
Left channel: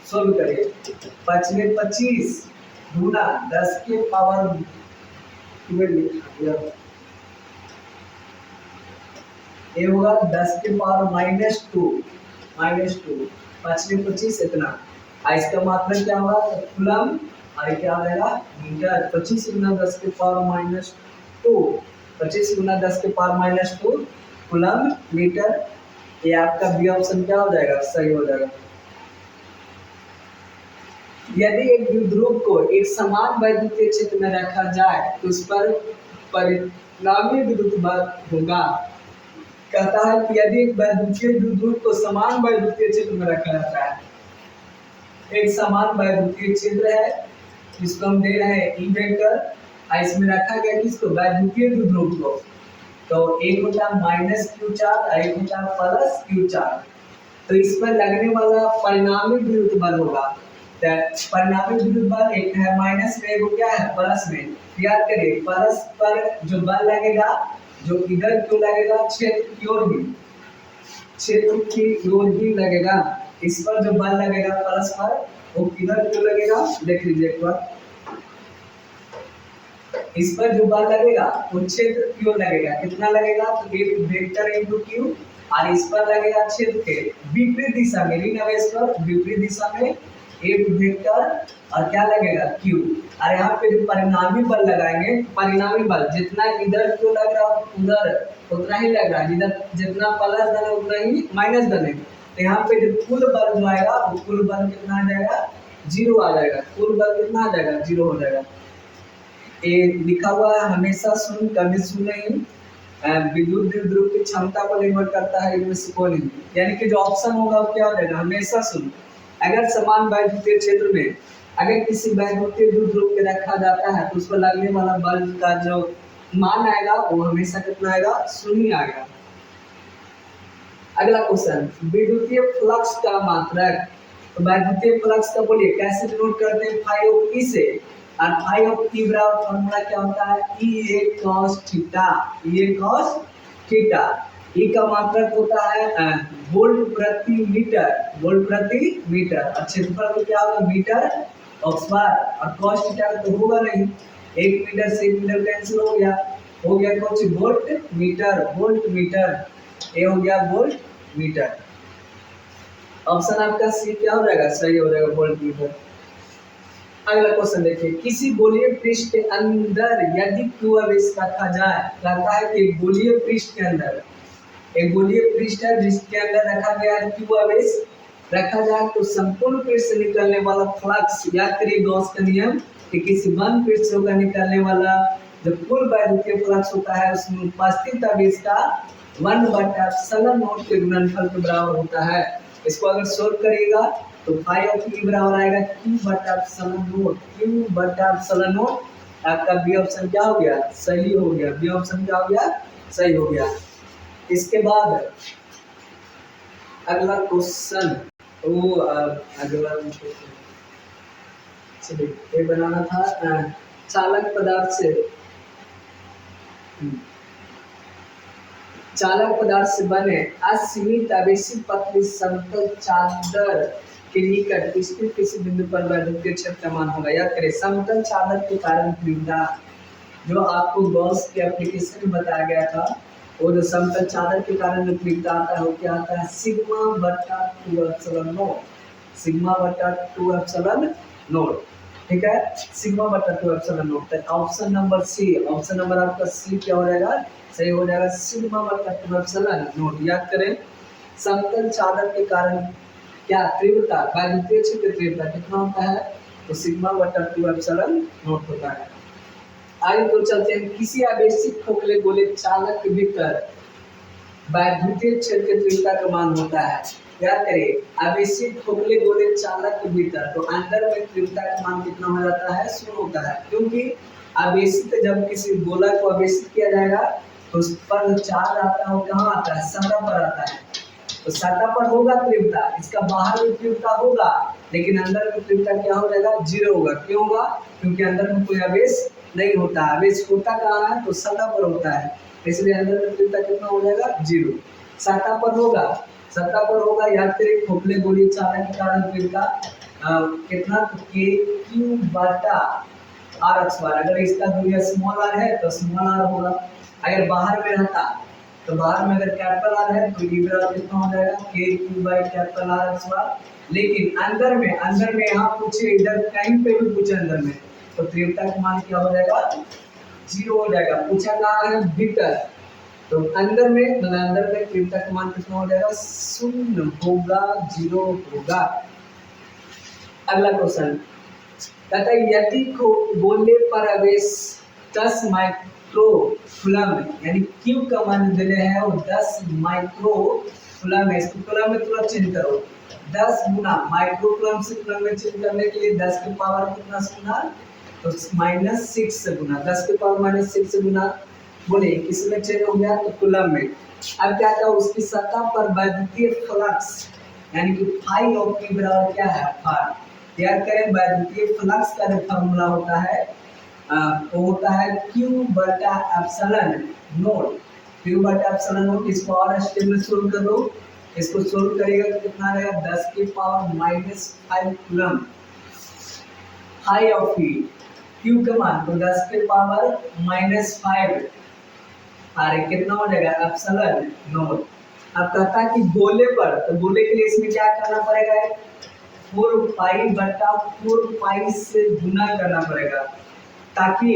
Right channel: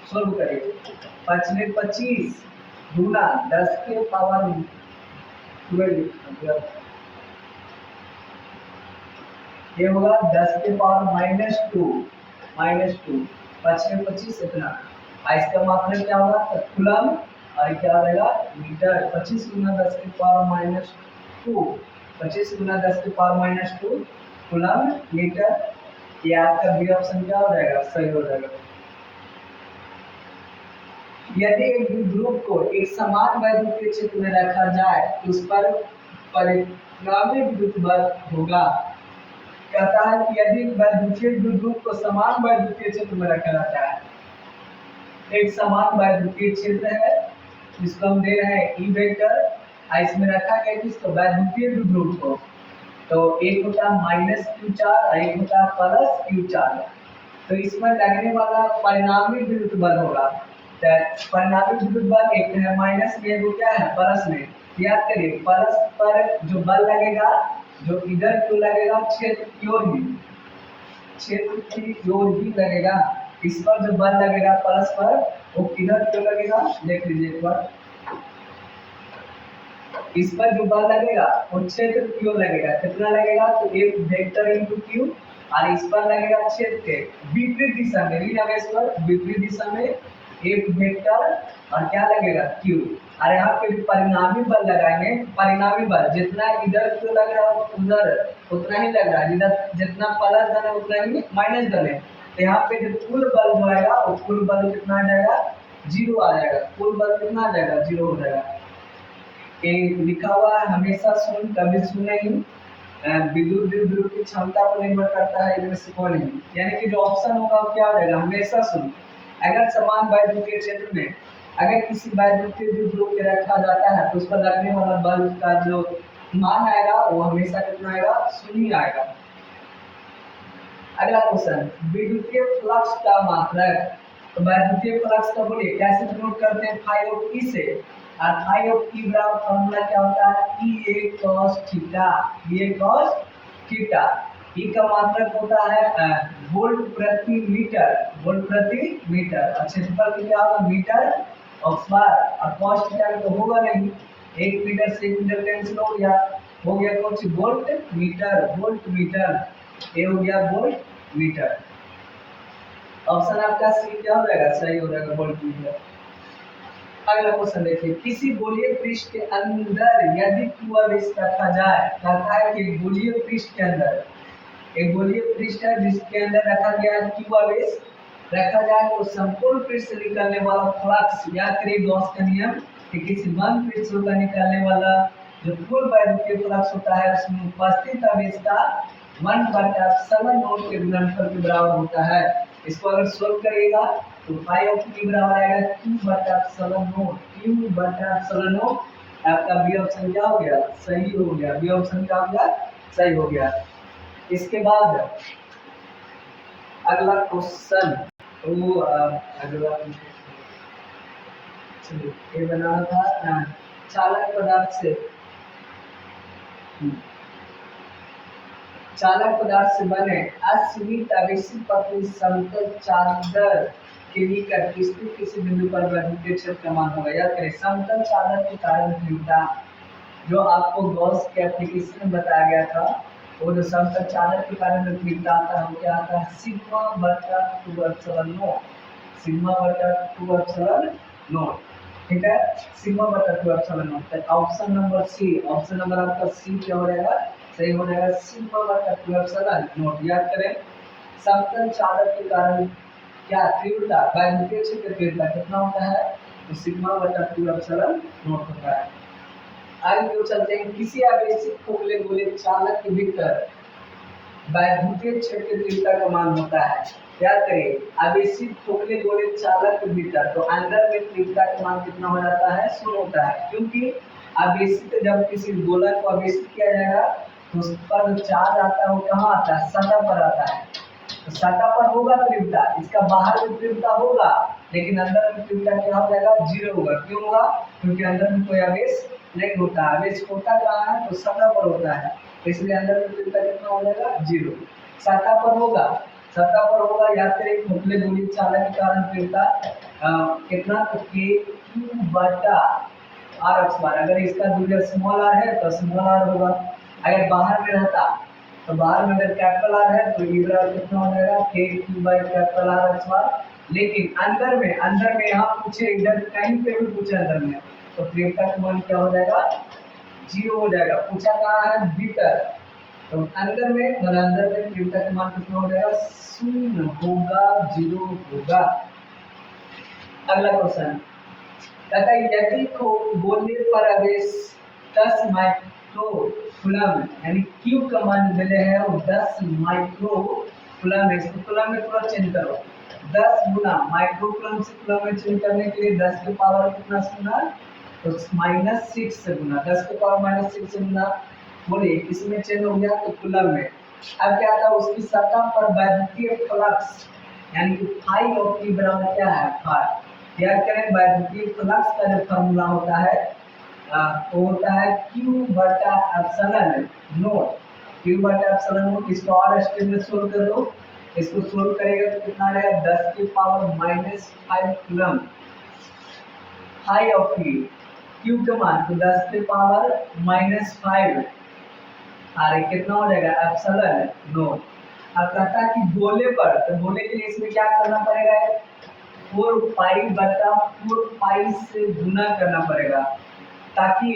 सोल्व करिए, 5 25 गुना 10⁻12 ये होगा 10⁻²। -2, 5 में 25 इतना। इसका मात्रक क्या होगा कूलम, और क्या हो जाएगा मीटर। 25 गुना 10 के पावर -2, 25 गुना 10 के पावर -2 कूलम मीटर। ये आपका बी ऑप्शन क्या हो जाएगा सही हो जाएगा। यदि एक द्विध्रुव को एक समान वैद्युतीय क्षेत्र में रखा जाए तो उस पर परिणामी विद्युत बल होगा। कहता है कि यदि एक वैद्युतीय द्विध्रुव को समान वैद्युतीय क्षेत्र में रखा जाता है, एक समान वैद्युतीय क्षेत्र है जिसको हम दे रहे हैं ई वेक्टर, इसमें रखा गया किसको वैद्युतीय द्विध्रुव को, तो एक होता है -q चार्ज और एक होता है +q चार्ज। तो इसमें लगने वाला परिणामी विद्युत बल होगा, तो परिणामी विद्युत बल एक है माइनस में, वो क्या है प्लस में। याद करिए प्लस पर जो बल लगेगा, जो इधर क्यों लगेगा क्षेत्र की ओर ही, क्षेत्र की ओर ही लगेगा। इस पर जो बल लगेगा प्लस पर, वो किधर क्यों लगेगा देख लीजिए एक बार। इस पर जो बल लगेगा वो क्षेत्र की ओर लगेगा, कितना लगेगा तो एक वेक्टर इनटू क्यू, और इस पर लगेगा क्षेत्र के विपरीत दिशा में, ऋण आवेश पर विपरीत दिशा में एक वेक्टर, और क्या लगेगा क्यू। और यहाँ पे जो परिणामी बल लगाएंगे, परिणामी बल जितना इधर क्यों लग रहा है उधर उतना ही लग रहा है, जितना प्लस धन है उतना ही माइनस धन है। तो यहाँ पे जो कुल बल जो आएगा वो कुल बल कितना आ जाएगा 0 आ जाएगा, कुल बल कितना आ जाएगा 0 हो जाएगा। ये लिखा हुआ है हमेशा सुन कभी सुन नहीं, विद्युत द्विध्रुव की क्षमता पर निर्भर करता है, इनमें से कोई नहीं। यानी कि जो ऑप्शन होगा वो क्या रहेगा हमेशा सुन। अगर समान वैद्युतीय क्षेत्र में अगर किसी वैद्युतीय द्विध्रुव के रखा जाता है तो उस पर लगने वाला बल का जो मान आएगा वो हमेशा कितना आएगा शून्य ही आएगा। अगला क्वेश्चन, विद्युतीय फ्लक्स का मात्रक। तो वैद्युतीय फ्लक्स का बोलिए कैसे डिनोट करते हैं फाई ऑफ ई से, और फाई ऑफ ई बराबर फॉर्मूला क्या होता है ई ए cos थीटा, ई ए cos थीटा। ई का मात्रक होता है वोल्ट प्रति मीटर, वोल्ट प्रति मीटर, और क्षेत्रफल का क्या होगा मीटर और स्क्वायर, और cos थीटा तो होगा नहीं, 1 मीटर से 1 मीटर कैंसिल हो गया कुछ वोल्ट मीटर, वोल्ट मीटर, ये हो गया वोल्ट मीटर। ऑप्शन आपका सी क्या हो जाएगा सही हो जाएगा वोल्ट मीटर। अगला क्वेश्चन देखिए, किसी गोलीय पृष्ठ के अंदर यदि q आवेश रखा जाए, कहता है कि गोलीय पृष्ठ के अंदर, एक गोलीय पृष्ठ है जिसके अंदर रखा गया है q आवेश रखा जाए, तो संपूर्ण पृष्ठ से निकलने वाला फ्लक्स, याद करिए गॉस का नियम कि किसी बंद पृष्ठ से होकर निकलने वाला जो कुल वैद्युतीय फ्लक्स होता है उसमें उपस्थित आवेश का 1/ε0 के गुणनफल के बराबर होता है। इसको अगर सोल्व करिएगा तो फाई ऑफ ई बराबर आएगा q/ε0, q/ε0। आपका बी ऑप्शन क्या हो गया सही हो गया, बी ऑप्शन क्या हो गया सही हो गया। इसके बाद अगला क्वेश्चन, वो अगला चलिए ये बनाना था चालक पदार्थ से, चालक पदार्थ से बने असीमित आवेशित पतली समतल चादर के निकट स्थित किसी बिंदु पर वैद्युतीय क्षेत्र का मान होगा। याद करें समतल चादर के कारण तीव्रता, जो आपको गॉस के एप्लीकेशन में बताया गया था, वो जो समतल चादर के कारण जो तीव्रता आता है वो क्या आता है σ/2ε0, σ/2ε0, ठीक है σ/2ε0। तो option number C, option number आपका सी क्या हो जाएगा सही हो जाएगा σ/2ε0। याद करें समतल चादर के कारण क्या तीव्रता, वैद्युतीय क्षेत्र तीव्रता कितना होता है तो σ/2ε0 होता है। आगे तो चलते हैं, किसी आवेशित खोखले गोले चालक के भीतर वैद्युतीय क्षेत्र की तीव्रता का मान होता है। याद करिए आवेशित खोखले गोले चालक के भीतर, तो अंदर में तीव्रता का मान कितना हो जाता है 0 होता है, क्योंकि आवेशित जब किसी गोला को आवेशित किया जाएगा तो उस पर जो चार्ज आता है वो कहाँ आता है सतह पर आता है, तो सतह पर होगा तीव्रता, इसका बाहर में तीव्रता होगा लेकिन अंदर में तीव्रता क्या हो जाएगा 0 होगा। क्यों होगा क्योंकि अंदर में कोई आवेश नहीं होता, आवेश होता कहाँ है तो सतह पर होता है, इसलिए अंदर में तीव्रता कितना हो जाएगा 0। सतह पर होगा, सतह पर होगा, याद करिए खोखले गोली चालक के कारण तीव्रता कितना Q/r²। अगर इसका दूरी स्मॉल r है तो स्मॉल r होगा, अगर बाहर में रहता तो बाहर में अगर कैपिटल आर है तो ई बराबर कितना हो जाएगा के Q by capital R square. लेकिन अंदर में यहाँ पूछे, इधर कहीं पे भी पूछे अंदर में, तो तीव्रता का मान क्या हो जाएगा, 0 हो जाएगा। पूछा कहाँ है, भीतर, तो अंदर में मतलब अंदर में तीव्रता का मान कितना हो जाएगा, 0 होगा, 0 होगा। अगला क्वेश्चन कहता है यदि गोले पर आवेश 10 माइक्रो कूलम यानी Q का मान दिले है और 10 माइक्रो कूलम है, इसको कूलम में थोड़ा चेंज करो, 10 गुना माइक्रो कूलम से कूलम में चेंज करने के लिए 10 के पावर कितना से गुना, तो -6 से गुना, 10 के पावर -6 से गुना, बोले किसमें चेंज हो गया, तो कूलम में। अब क्या था, उसकी सतह पर वैद्युतीय फ्लक्स यानी कि फाई ऑफ ई बराबर क्या है, फाई। याद करें वैद्युतीय फ्लक्स का जो फॉर्मूला होता है वो होता है Q बटा एप्सिलॉन नोट, Q बटा एप्सिलॉन नोट। इसको और स्टेप में सोल्व कर लो, इसको सोल्व करेगा तो कितना रहेगा, 10 के power -5 coulomb high of E, Q का मान तो 10 के पावर -5 अरे कितना हो जाएगा, एप्सिलॉन नोट। अब कहता है कि गोले पर, तो गोले के लिए इसमें क्या करना पड़ेगा, 4 पाई बटा 4 पाई से गुना करना पड़ेगा ताकि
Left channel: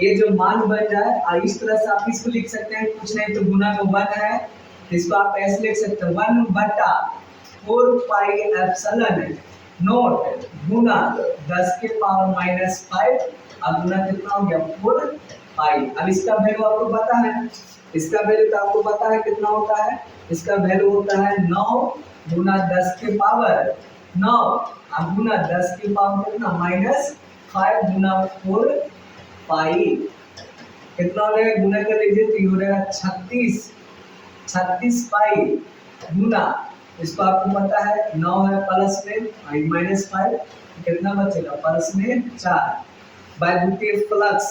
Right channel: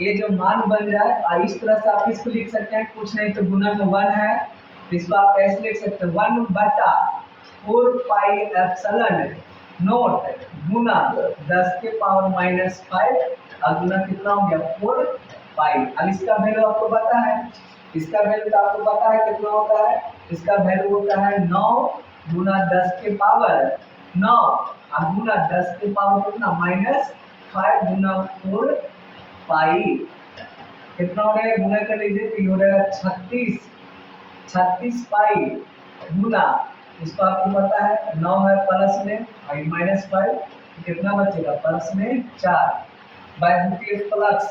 ये जो मान बन जाए। और इस तरह से आप इसको लिख सकते हैं, कुछ नहीं तो गुना में 1 है, इसको आप ऐसे लिख सकते हैं 1 बटा 4 पाई एप्सिलॉन नोट गुना 10 के पावर -5 और गुना कितना हो गया, 4 पाई। अब इसका वैल्यू आपको पता है, इसका वैल्यू तो आपको पता है कितना होता है, इसका वैल्यू होता है 9 गुना 10 के पावर 9 और गुना 10 के पावर कितना -5 गुना 4 पाई, कितना हो जाएगा, गुना कर लीजिए तो ये हो जाएगा 36 पाई गुना, इसको आपको पता है 9 है प्लस में और -5 कितना बचेगा, प्लस में 4। वैद्युतीय फ्लक्स,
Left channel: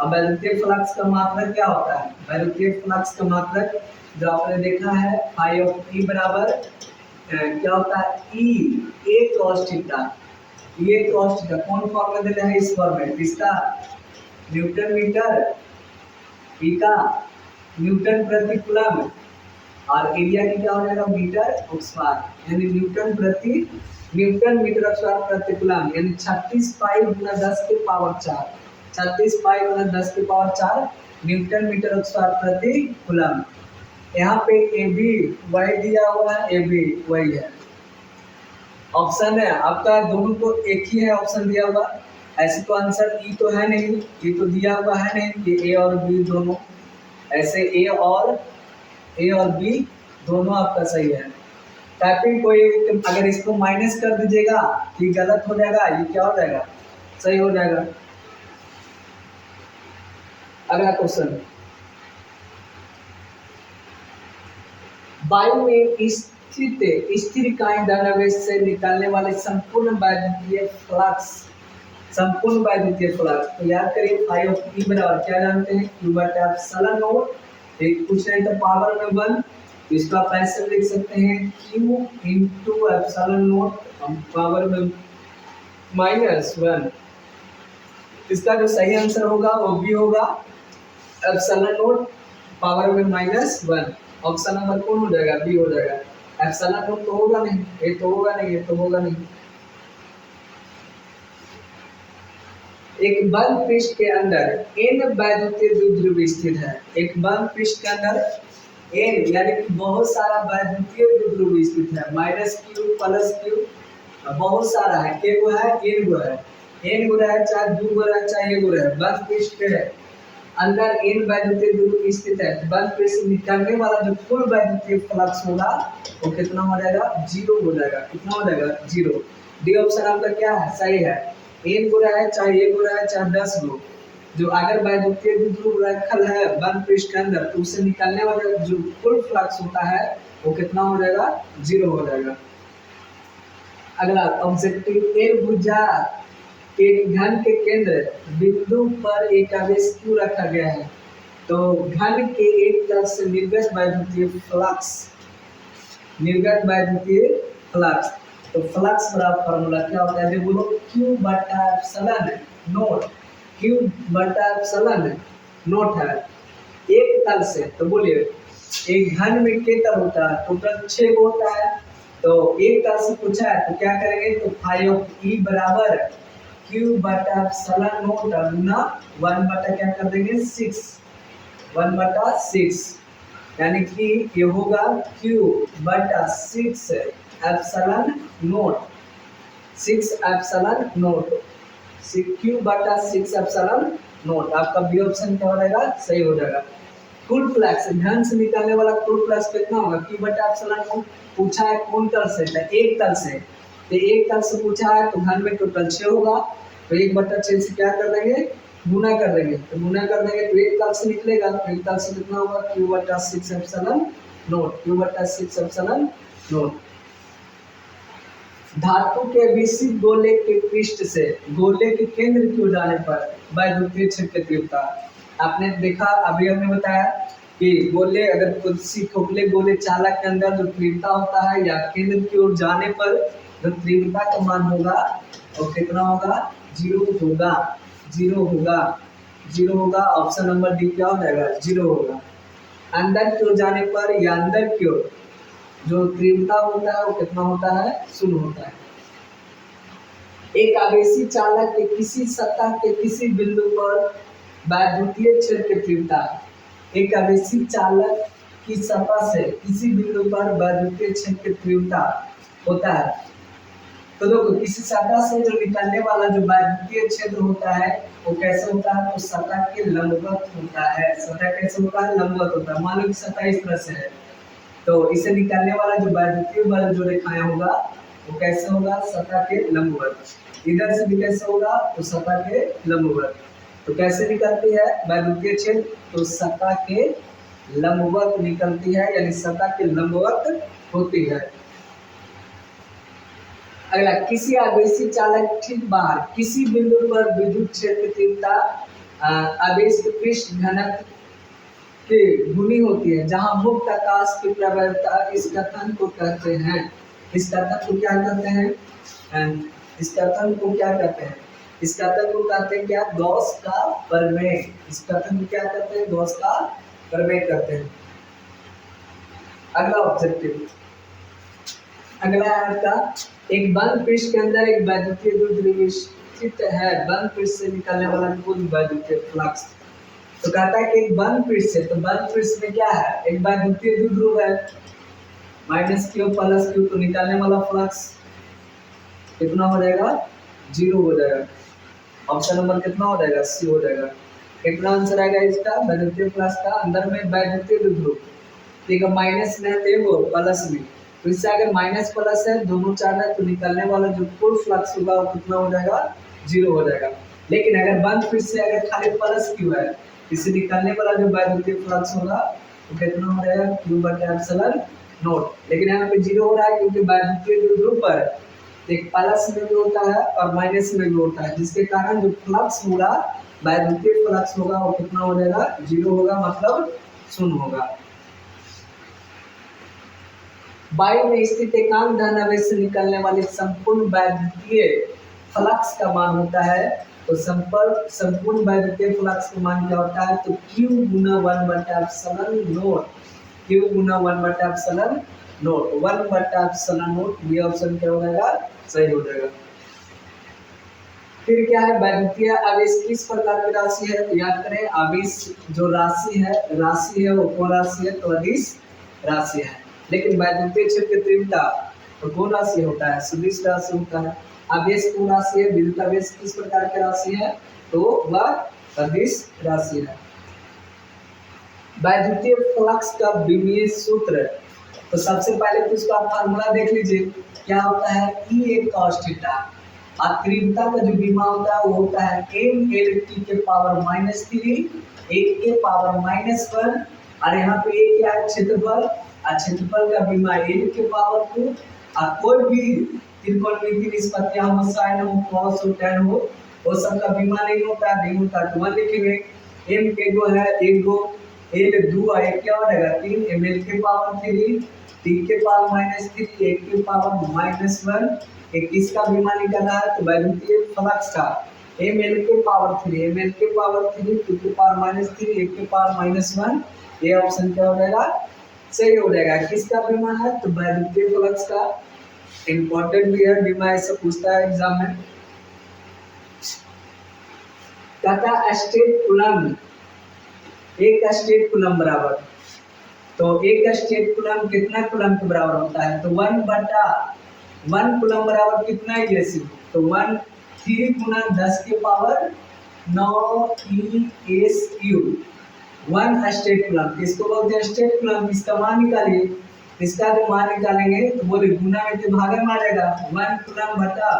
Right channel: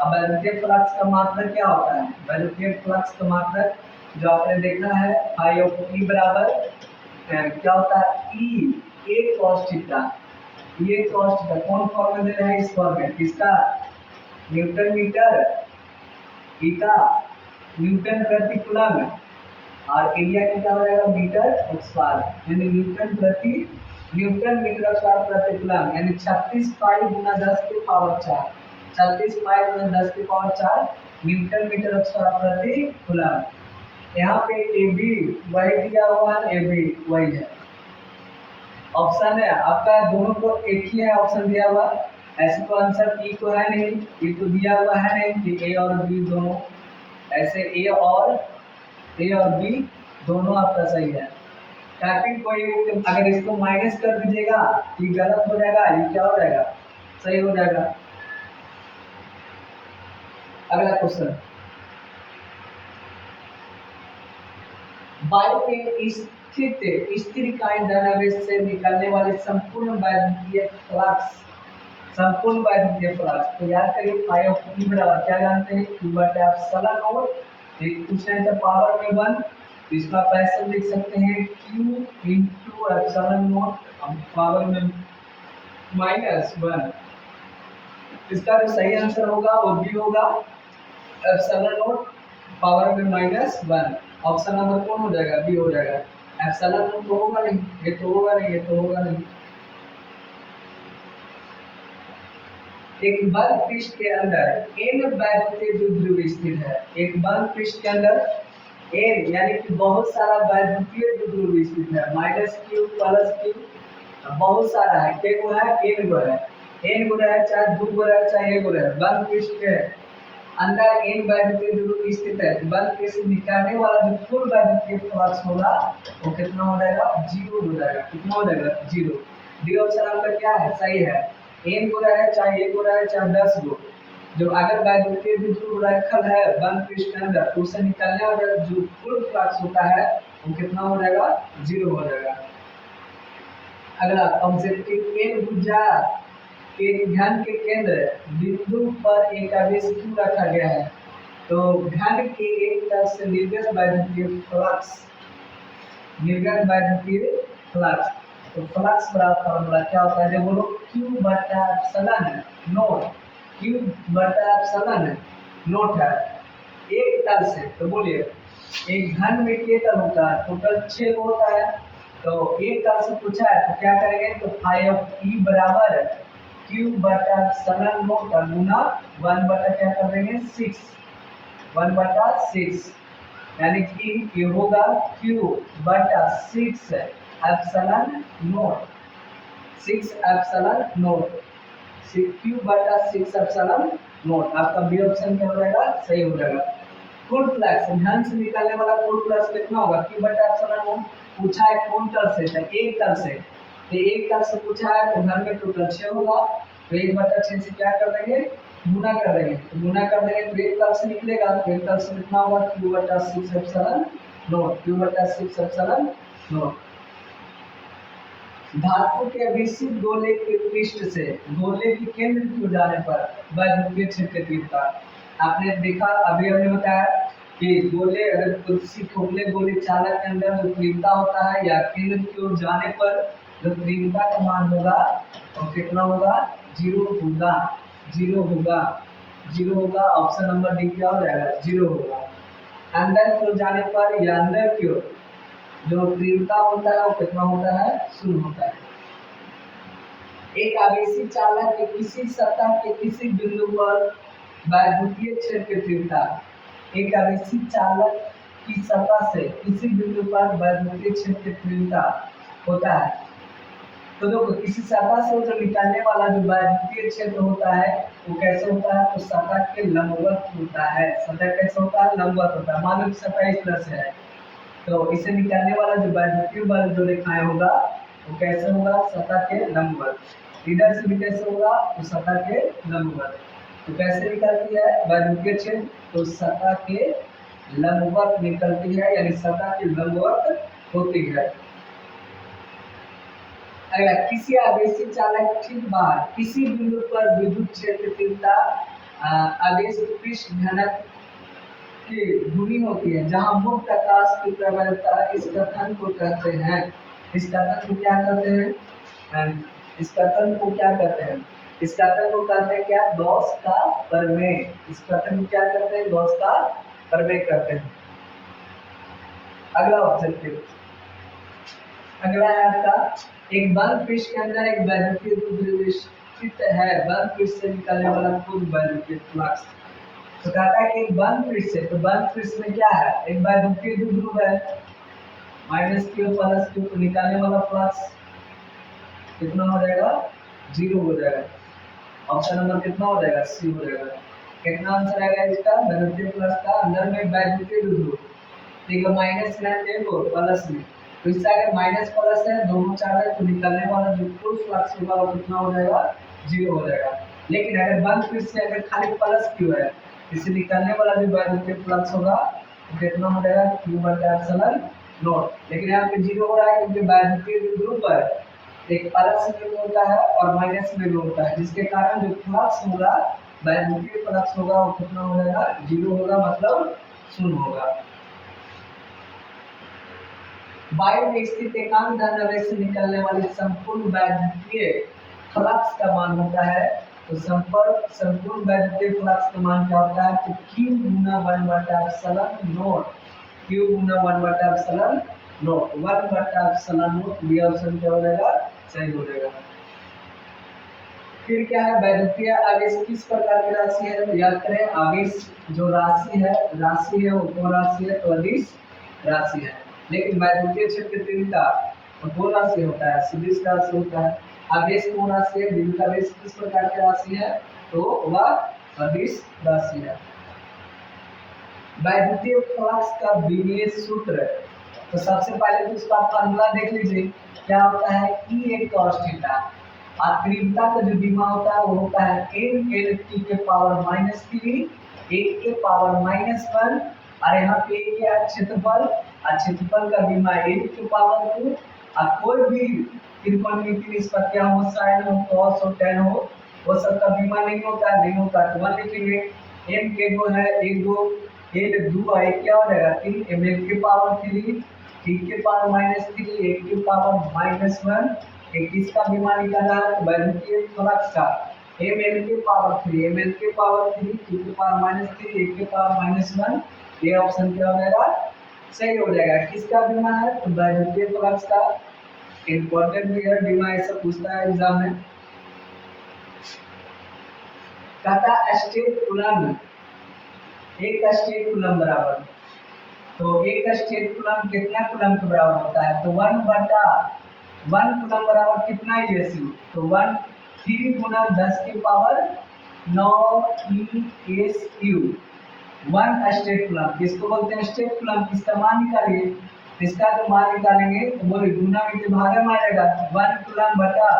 अब वैद्युतीय फ्लक्स का मात्रक क्या होता है, वैद्युतीय फ्लक्स का मात्रक जो आपने देखा है फाई ऑफ ई बराबर क्या होता है, ई ए cos थीटा, ये cos थीटा कौन फॉर्म में दे रहे हैं, इस फॉर्म में, किसका, न्यूटन मीटर, ई का न्यूटन प्रति कूलम और एरिया की क्या हो जाएगा, मीटर स्क्वायर, यानी न्यूटन मीटर स्क्वायर प्रति कूलम, यानी 36 पाई गुना 10 के पावर 4, 36 पाई गुना 10 के पावर 4 न्यूटन मीटर स्क्वायर प्रति कूलम। यहाँ पे ए बी वही दिया हुआ है, ए बी वही है, ऑप्शन है आपका दोनों को एक ही है ऑप्शन दिया हुआ, ऐसे तो आंसर ई तो है नहीं, ये तो दिया हुआ है नहीं कि ए और बी दोनों, ऐसे ए और बी दोनों आपका सही है। टाइपिंग कोई अगर इसको माइनस कर दीजिएगा ये गलत हो जाएगा, ये क्या हो जाएगा, सही हो जाएगा। अगला क्वेश्चन, वायु में स्थित स्थिर इकाई धनावेश से निकलने वाले संपूर्ण वैद्युतीय फ्लक्स, तो याद करिए फाई ऑफ ई बराबर क्या जानते हैं, Q बटा एप्सिलॉन नोट, एक कुछ नहीं तो पावर में 1, तो इसका आप ऐसे लिख सकते हैं Q into epsilon note power में -1। इसका जो सही आंसर होगा वो भी होगा एप्सिलॉन नोट पावर में -1। ऑप्शन नंबर कौन हो जाएगा, बी हो जाएगा। एप्सिलॉन नोट तो होगा नहीं, ये तो होगा नहीं, ये तो होगा नहीं। एक बंद पृष्ठ के अंदर n वैद्युतीय द्विध्रुव स्थित है, एक बंद पृष्ठ के अंदर n यानी कि बहुत सारा वैद्युतीय द्विध्रुव स्थित है, -q +q बहुत सारा है, k गो है, n गो है, n गो है चाहे 2 गो है चाहे 1 गो है, बंद पृष्ठ के अंदर n वैद्युतीय द्विध्रुव स्थित है, बंद पृष्ठ से निकलने वाला जो कुल वैद्युतीय फ्लक्स होगा वो कितना हो जाएगा, 0 हो जाएगा। कितना हो जाएगा, 0। डी ऑप्शन आपका क्या है, सही है। n गो है चाहे 1 गो है चाहे 10 गो, जो अगर वैद्युतीय द्विध्रुव रखल है बंद पृष्ठ के अंदर तो उससे निकलने वाला जो कुल फ्लक्स होता है वो कितना हो जाएगा, 0 हो जाएगा। अगला ऑब्जेक्टिव n भुजा एक घन के केंद्र बिंदु पर एक आवेश क्यों रखा गया है, तो घन के एक तरफ से निर्गत वैद्युतीय फ्लक्स, तो फ्लक्स बराबर फॉर्मूला क्या होता है, जो बोलो Q बटा एप्सिलॉन नोट, Q बटा एप्सिलॉन नोट है एक तल से, तो बोलिए एक घन में के तल होता है, टोटल 6 होता है। तो एक तल से पूछा है तो क्या करेंगे, तो फाई ऑफ ई बराबर क्यू बटा एप्सिलॉन नॉट गुना 1 बटा क्या कर देंगे 6, 1 बटा 6, यानी कि ये होगा क्यू बटा 6 epsilon not, 6 epsilon not, Q बटा 6 एप्सिलॉन नॉट। आपका बी ऑप्शन क्या हो जाएगा, सही हो जाएगा। कुल फ्लक्स घन से निकलने वाला कुल फ्लक्स कितना होगा, क्यू बटा एप्सिलॉन नॉट। पूछा है कौन तल से, एक तल से, तो एक तल से पूछा है तो घन में टोटल 6 होगा, तो 1 बटा 6 से क्या कर देंगे, गुना कर देंगे, तो गुना कर देंगे तो एक तल से निकलेगा, तो एक तल से कितना होगा, क्यू बटा 6 एप्सिलॉन नॉट, क्यू बटा 6 एप्सिलॉन नॉट। धातु के विशिष्ट गोले के पृष्ठ से गोले के केंद्र की ओर जाने पर वैद्युतीय क्षेत्र की तीव्रता। आपने देखा, अभी हमने बताया कि गोले अगर किसी खोखले गोले चालक के अंदर जो तीव्रता होता है या केंद्र की ओर जाने पर जो तीव्रता का मान होगा वो कितना होगा, 0 होगा, 0 होगा, 0 होगा। ऑप्शन नंबर डी क्या हो जाएगा, 0 होगा। अंदर की ओर जाने पर या अंदर की ओर जो तीव्रता होता है वो कितना होता है, 0 होता है। एक आवेशी चालक के किसी सतह के किसी बिंदु पर वैद्युतीय क्षेत्र की तीव्रता, एक आवेशी चालक की सतह से किसी बिंदु पर वैद्युतीय क्षेत्र की तीव्रता होता है। तो देखो किसी सतह से जो निकलने वाला जो वैद्युतीय क्षेत्र होता है वो कैसे होता है, तो सतह के लंबवत होता है। सतह कैसे होता है, लंबवत होता है। मान लो कि सतह इस तरह से है, तो इसे निकलने वाला जो वैद्युतीय बल जो रेखाएं होगा वो कैसे होगा, सतह के लंबवत। इधर से भी कैसे होगा, तो सतह के लंबवत। तो कैसे निकलती है वैद्युतीय क्षेत्र, तो सतह के लंबवत निकलती है, यानी सतह के लंबवत होती है। अगला, किसी आवेशी चालक ठीक बाहर किसी बिंदु पर विद्युत क्षेत्र तीव्रता आवेश पृष्ठ घनत्व की गुनी होती है, जहां मुक्त आकाश की प्रवणता इस कथन को कहते हैं, इस कथन को क्या कहते हैं, इस कथन को क्या कहते हैं, इस कथन को कहते हैं क्या, गॉस का प्रमेय। इस कथन को क्या कहते हैं, गॉस का प्रमेय कहते हैं। अगला ऑब्जेक्टिव, अगला है आपका, एक बंद पृष्ठ के अंदर एक वैद्युतीय द्रव्य स्थित है, बंद पृष्ठ से निकलने वाला कुल वैद्युतीय फ्लक्स। तो कहता है कि एक बंद पृष्ठ से, तो बंद पृष्ठ में क्या है, एक वैद्युतीय द्विध्रुव है, माइनस क्यू प्लस क्यू, तो निकालने वाला फ्लक्स कितना हो जाएगा, 0 हो जाएगा। ऑप्शन नंबर कितना हो जाएगा, सी हो जाएगा। कितना आंसर आएगा इसका, वैद्युतीय फ्लक्स का अंदर में वैद्युतीय द्विध्रुव, ठीक है, माइनस में देखो प्लस में, तो इससे अगर माइनस प्लस है दोनों चार्ज है तो निकलने वाला जो कुल फ्लक्स होगा वो कितना हो जाएगा, 0 हो जाएगा। लेकिन अगर बंद पृष्ठ से अगर खाली प्लस क्यू है, इससे निकलने वाला जो वैद्युतीय फ्लक्स होगा वो कितना हो जाएगा, क्यू बटा एप्सिलॉन नॉट। लेकिन यहाँ पे 0 हो रहा है क्योंकि वैद्युतीय द्विध्रुव पर एक प्लस में भी होता है और माइनस में भी होता है, जिसके कारण जो फ्लक्स होगा, वैद्युतीय फ्लक्स होगा वो कितना हो जाएगा, 0 होगा, मतलब 0 होगा। वायु में स्थित एकांक धन आवेश से निकलने वाली संपूर्ण वैद्युतीय फ्लक्स का मान होता है, तो संपूर्ण वैद्युतीय फ्लक्स का मान क्या होता है, तो Q गुना 1 बटा एप्सिलॉन नॉट, Q गुना 1 बटा एप्सिलॉन नॉट, 1 बटा एप्सिलॉन नॉट। बी ऑप्शन क्या हो जाएगा, सही हो जाएगा। फिर क्या है, वैद्युतीय आवेश किस प्रकार की राशि है, तो याद करें आवेश जो राशि है वो कौन राशि है, तो अदिश राशि है। लेकिन वैद्युतीय क्षेत्र की तीव्रता तो कौन राशि होता है, सदिश राशि होता है। आवेश कौन राशि है, विद्युत आवेश किस प्रकार की राशि है, तो वह सदिश राशि है। वैद्युतीय फ्लक्स का विमीय सूत्र, तो सबसे पहले तो इसका फार्मूला देख लीजिए, क्या होता है, E एक cos थीटा, और तीव्रता का जो विमा होता है वो होता है m/L/t के पावर -3 1 के पावर -1, और यहाँ पे एक क्या है, क्षेत्रफल, और क्षेत्रफल का विमा l के पावर 2, और कोई भी त्रिकोणमितीय निष्पत्तियां हो, साइन हो, कॉस हो, tan हो, वो सब का विमा नहीं होता तो 1 लिखेंगे। m के गो है, एक गो l 2 है, क्या हो जाएगा 3, ml के पावर 3 t के पावर -3 1 के पावर -1, एक किसका विमा निकल रहा है, तो वैद्युतीय फ्लक्स का ml के पावर 3 ml के पावर 3 t के पावर -3 1 के पावर -1, ये ऑप्शन क्या हो जाएगा, सही हो जाएगा। किसका बीमा है? तो वैद्युतीय फ्लक्स का। इंपॉर्टेंट भी है, बीमा ऐसा पूछता है एग्जाम में। कहता स्टेट कूलम, एक स्टेट कूलम बराबर, तो एक स्टेट कूलम कितना कूलम के बराबर होता है? तो 1 कूलम बराबर कितना ESU? तो 3 गुना 10 के पावर 9 ESU। 1 स्टेट कूलम, इसको बोलते हैं स्टेट कूलम। इसका मान निकालिए, इसका जो मान निकालेंगे तो बोले गुना में के भागा में आ जाएगा। 1 कूलम बटा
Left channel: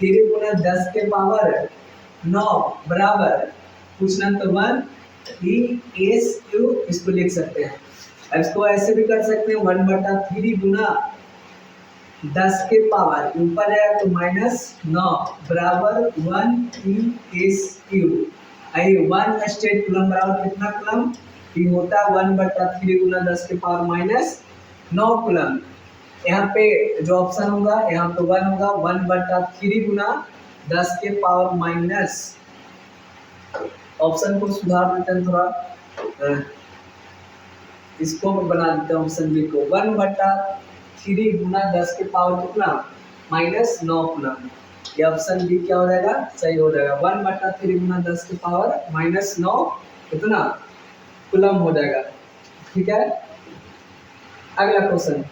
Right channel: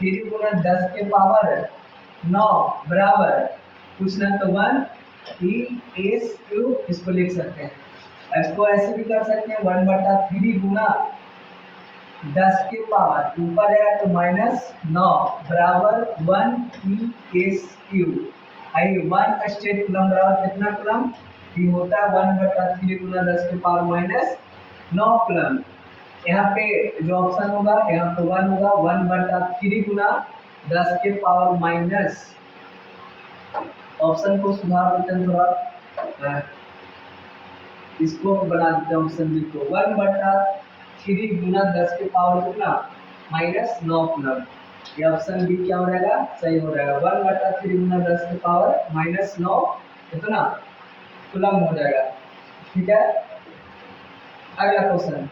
3 गुना 10 के पावर 9 बराबर पूछना तो 1 ESU, इसको लिख सकते हैं। इसको ऐसे भी कर सकते हैं 1 बटा 3 गुना 10 के पावर ऊपर है तो -9 बराबर 1 ESU। आई 1 स्टेट कूलम बराबर कितना कूलम? ये होता है 1 बटा 3 गुना 10 के पावर -9 कूलम। यहाँ पे जो ऑप्शन होगा यहाँ पे 1 होगा, 1 बटा 3 गुना 10 के पावर माइनस, ऑप्शन को सुधार देते हैं थोड़ा, इसको बना देते हैं ऑप्शन बी को 1 बटा 3 गुना 10 के पावर कितना? -9 कूलम। ये ऑप्शन बी क्या हो जाएगा? सही हो जाएगा। 1 बटा 3 गुना 10 के पावर -9 कितना कूलम हो जाएगा। ठीक है, अगला क्वेश्चन,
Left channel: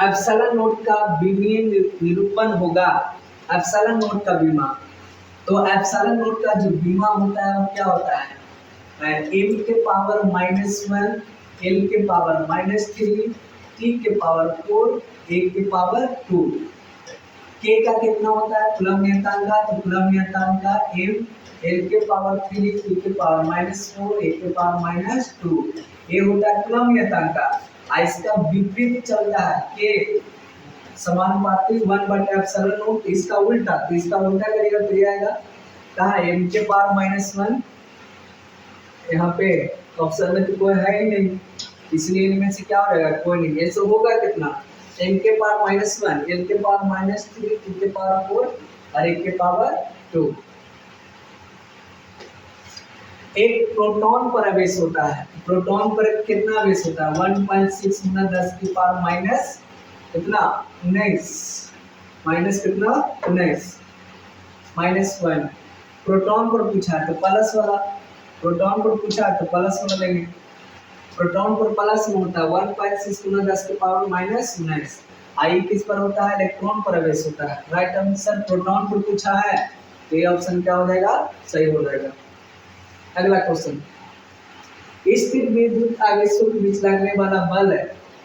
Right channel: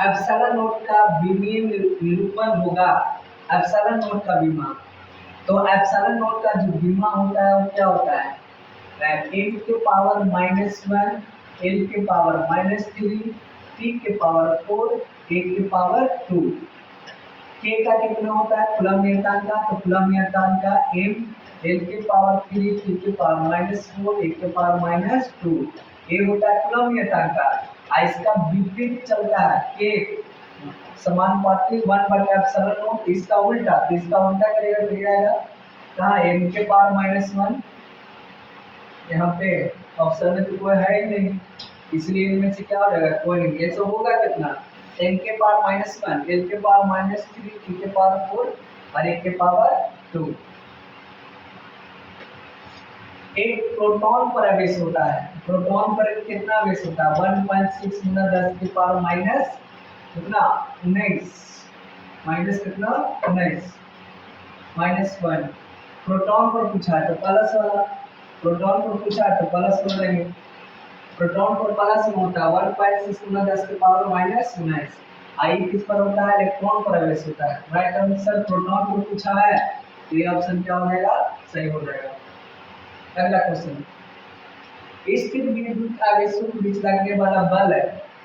एप्सिलॉन नोट का विमीय निरूपण होगा। एप्सिलॉन नोट का बीमा, तो एप्सिलॉन नोट का जो बीमा होता है वो क्या होता है? m के पावर -1, l के पावर -3, t के पावर 4, a के पावर 2। k का कितना होता है कूलम नियतांक का? तो कूलम नियतांक का m, l के पावर 3, t के पावर -4, a के पावर -2, a होता है कूलम नियतांक का। इसका विपरीत चलता है k समानुपाती 1 बटा एप्सिलॉन नोट, इसका उल्टा, तो इसका उल्टा करेगा तो ये आएगा कहाँ? m के पावर -1, यहाँ पे ऑप्शन में तो कोई है ही नहीं, इसलिए इनमें से क्या हो जाएगा? कोई नहीं। ये सब होगा कितना? m के पावर -1, l के पावर -3, t के पावर 4 और a के पावर 2। एक प्रोटॉन पर आवेश होता है, प्रोटॉन पर कितना आवेश होता है? 1.6 गुना 10 की पावर माइनस कितना? 19, माइनस कितना? 19, -1। प्रोटॉन पर पूछा है तो प्लस वाला, प्रोटॉन पर पूछा है तो प्लस वाला लेंगे। प्रोटॉन पर प्लस में होता है 1.6 गुना 10 की पावर -19। आई किस पर होता है? इलेक्ट्रॉन पर आवेश होता है। राइट आंसर प्रोटॉन पर पूछा है तो ये ऑप्शन क्या हो जाएगा? सही हो जाएगा। अगला क्वेश्चन, स्थिर विद्युत आवेशों के बीच लगने वाला बल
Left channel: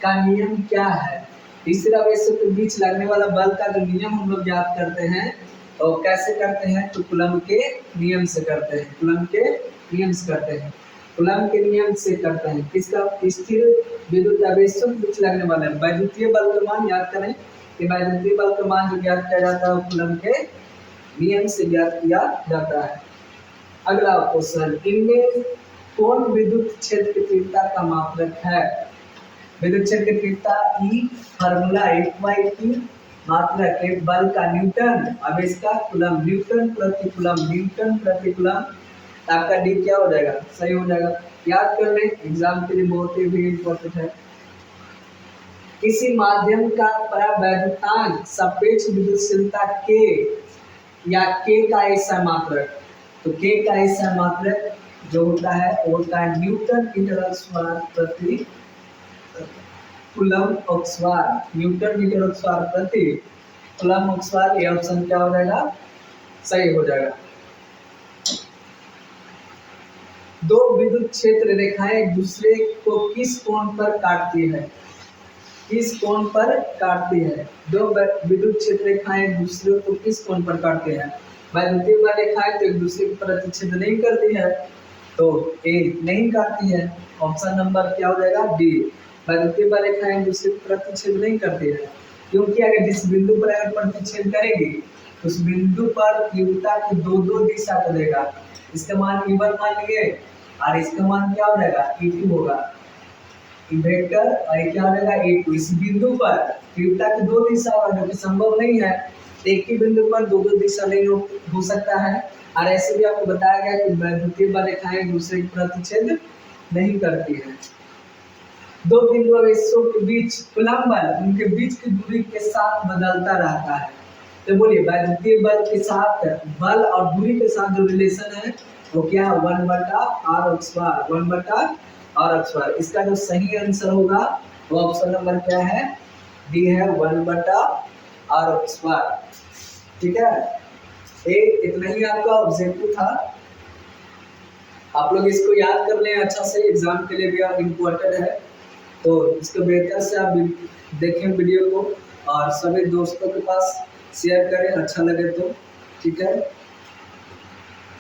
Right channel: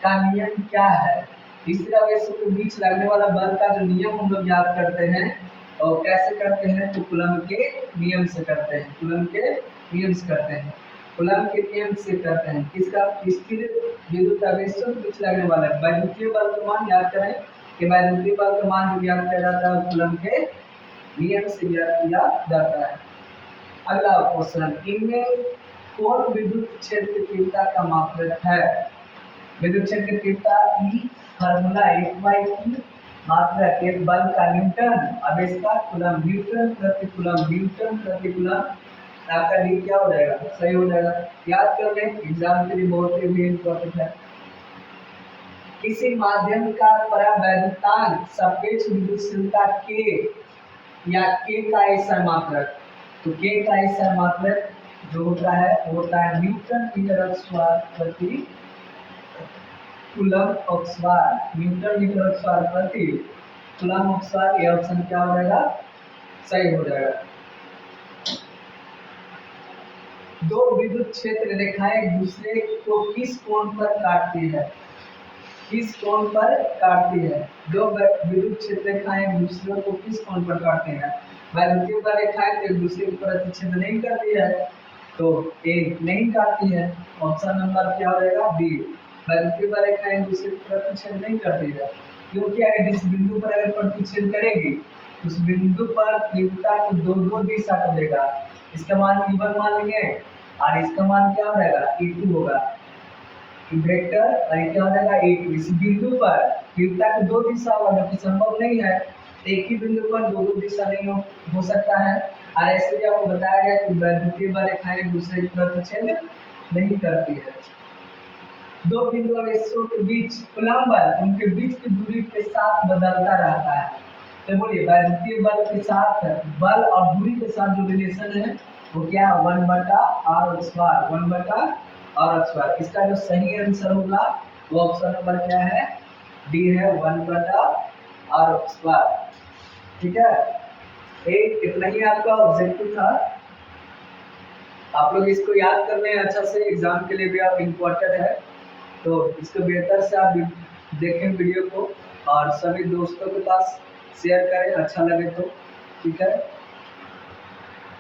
का नियम क्या है? स्थिर आवेशों के बीच लगने वाला बल का जो नियम हम लोग याद करते हैं और कैसे करते हैं? तो कूलम के नियम से करते हैं, कूलम के नियम से करते हैं, कूलम के नियम से करते हैं। किसका? स्थिर विद्युत आवेशों के बीच लगने वाला वैद्युतीय बल का मान याद करें कि वैद्युतीय बल का मान जो ज्ञात किया जाता है कूलम के नियम से ज्ञात किया जाता है। अगला क्वेश्चन, इनमें कौन विद्युत क्षेत्र की तीव्रता का मात्रक है? विद्युत क्षेत्र की तीव्रता E फार्मूला 1/T, मात्रक एक बल का न्यूटन, आवेश का कूलम, न्यूटन प्रति कूलम, न्यूटन प्रति कूलम। आपका डी क्या हो जाएगा? सही हो जाएगा। याद कर ले, एग्जाम के लिए बहुत ही इम्पोर्टेंट है। किसी माध्यम का परावैद्युतांक सापेक्ष विद्युतशीलता K या K का ऐसा मात्रक, तो K का ऐसा मात्रक जो होता है वो होता है न्यूटन मीटर अक्षवार प्रति कूलम अक्षवार, न्यूटन मीटर अक्षवार प्रति कूलम अक्षवार। ये ऑप्शन क्या हो जाएगा? सही हो जाएगा। दो विद्युत क्षेत्र रेखाएं एक दूसरे को किस कोण पर काटती है? किस कोण पर काटती है? दो विद्युत क्षेत्र रेखाएं एक दूसरे को किस कोण पर काटते हैं? वैद्युतीय बल रेखाएं तो एक दूसरे के प्रतिच्छेद नहीं करती है, तो ए नहीं काटती है। ऑप्शन नंबर क्या हो जाएगा? बी। वैद्युतीय बल रेखाएं एक दूसरे के प्रतिच्छेद नहीं करती है, क्योंकि अगर जिस बिंदु पर अगर प्रतिच्छेद करेगी उस बिंदु पर तीव्रता की दो दिशा को देगा। इसका मान E1 मान लेंगे और इसका मान क्या हो जाएगा? E2 होगा, वेक्टर, और ये क्या हो जाएगा? E2। इस बिंदु पर तीव्रता की दो दिशा होगा, जो कि संभव नहीं है, एक ही बिंदु पर दो दिशा नहीं हो सकता है। और ऐसे भी आपको बताया गया कि वैद्युतीय बल रेखाएं एक दूसरे के प्रतिच्छेद नहीं करती है। दो बिंदु आवेशों के बीच कूलम्ब बल उनके बीच की दूरी के साथ बदलता रहता है। तो बोलिए वैद्युतीय बल के साथ बल और दूरी के साथ जो रिलेशन है वो क्या है, 1/r², 1/r²। इसका जो सही आंसर होगा वो ऑप्शन नंबर क्या है, डी है, 1/r²। ठीक है, एक इतना ही आपका ऑब्जेक्टिव था। आप लोग इसको याद कर लें अच्छा से, एग्जाम के लिए भी इम्पोर्टेंट है। तो इसको बेहतर से आप देखें वीडियो को और सभी दोस्तों के पास शेयर करें अच्छा लगे तो। ठीक है।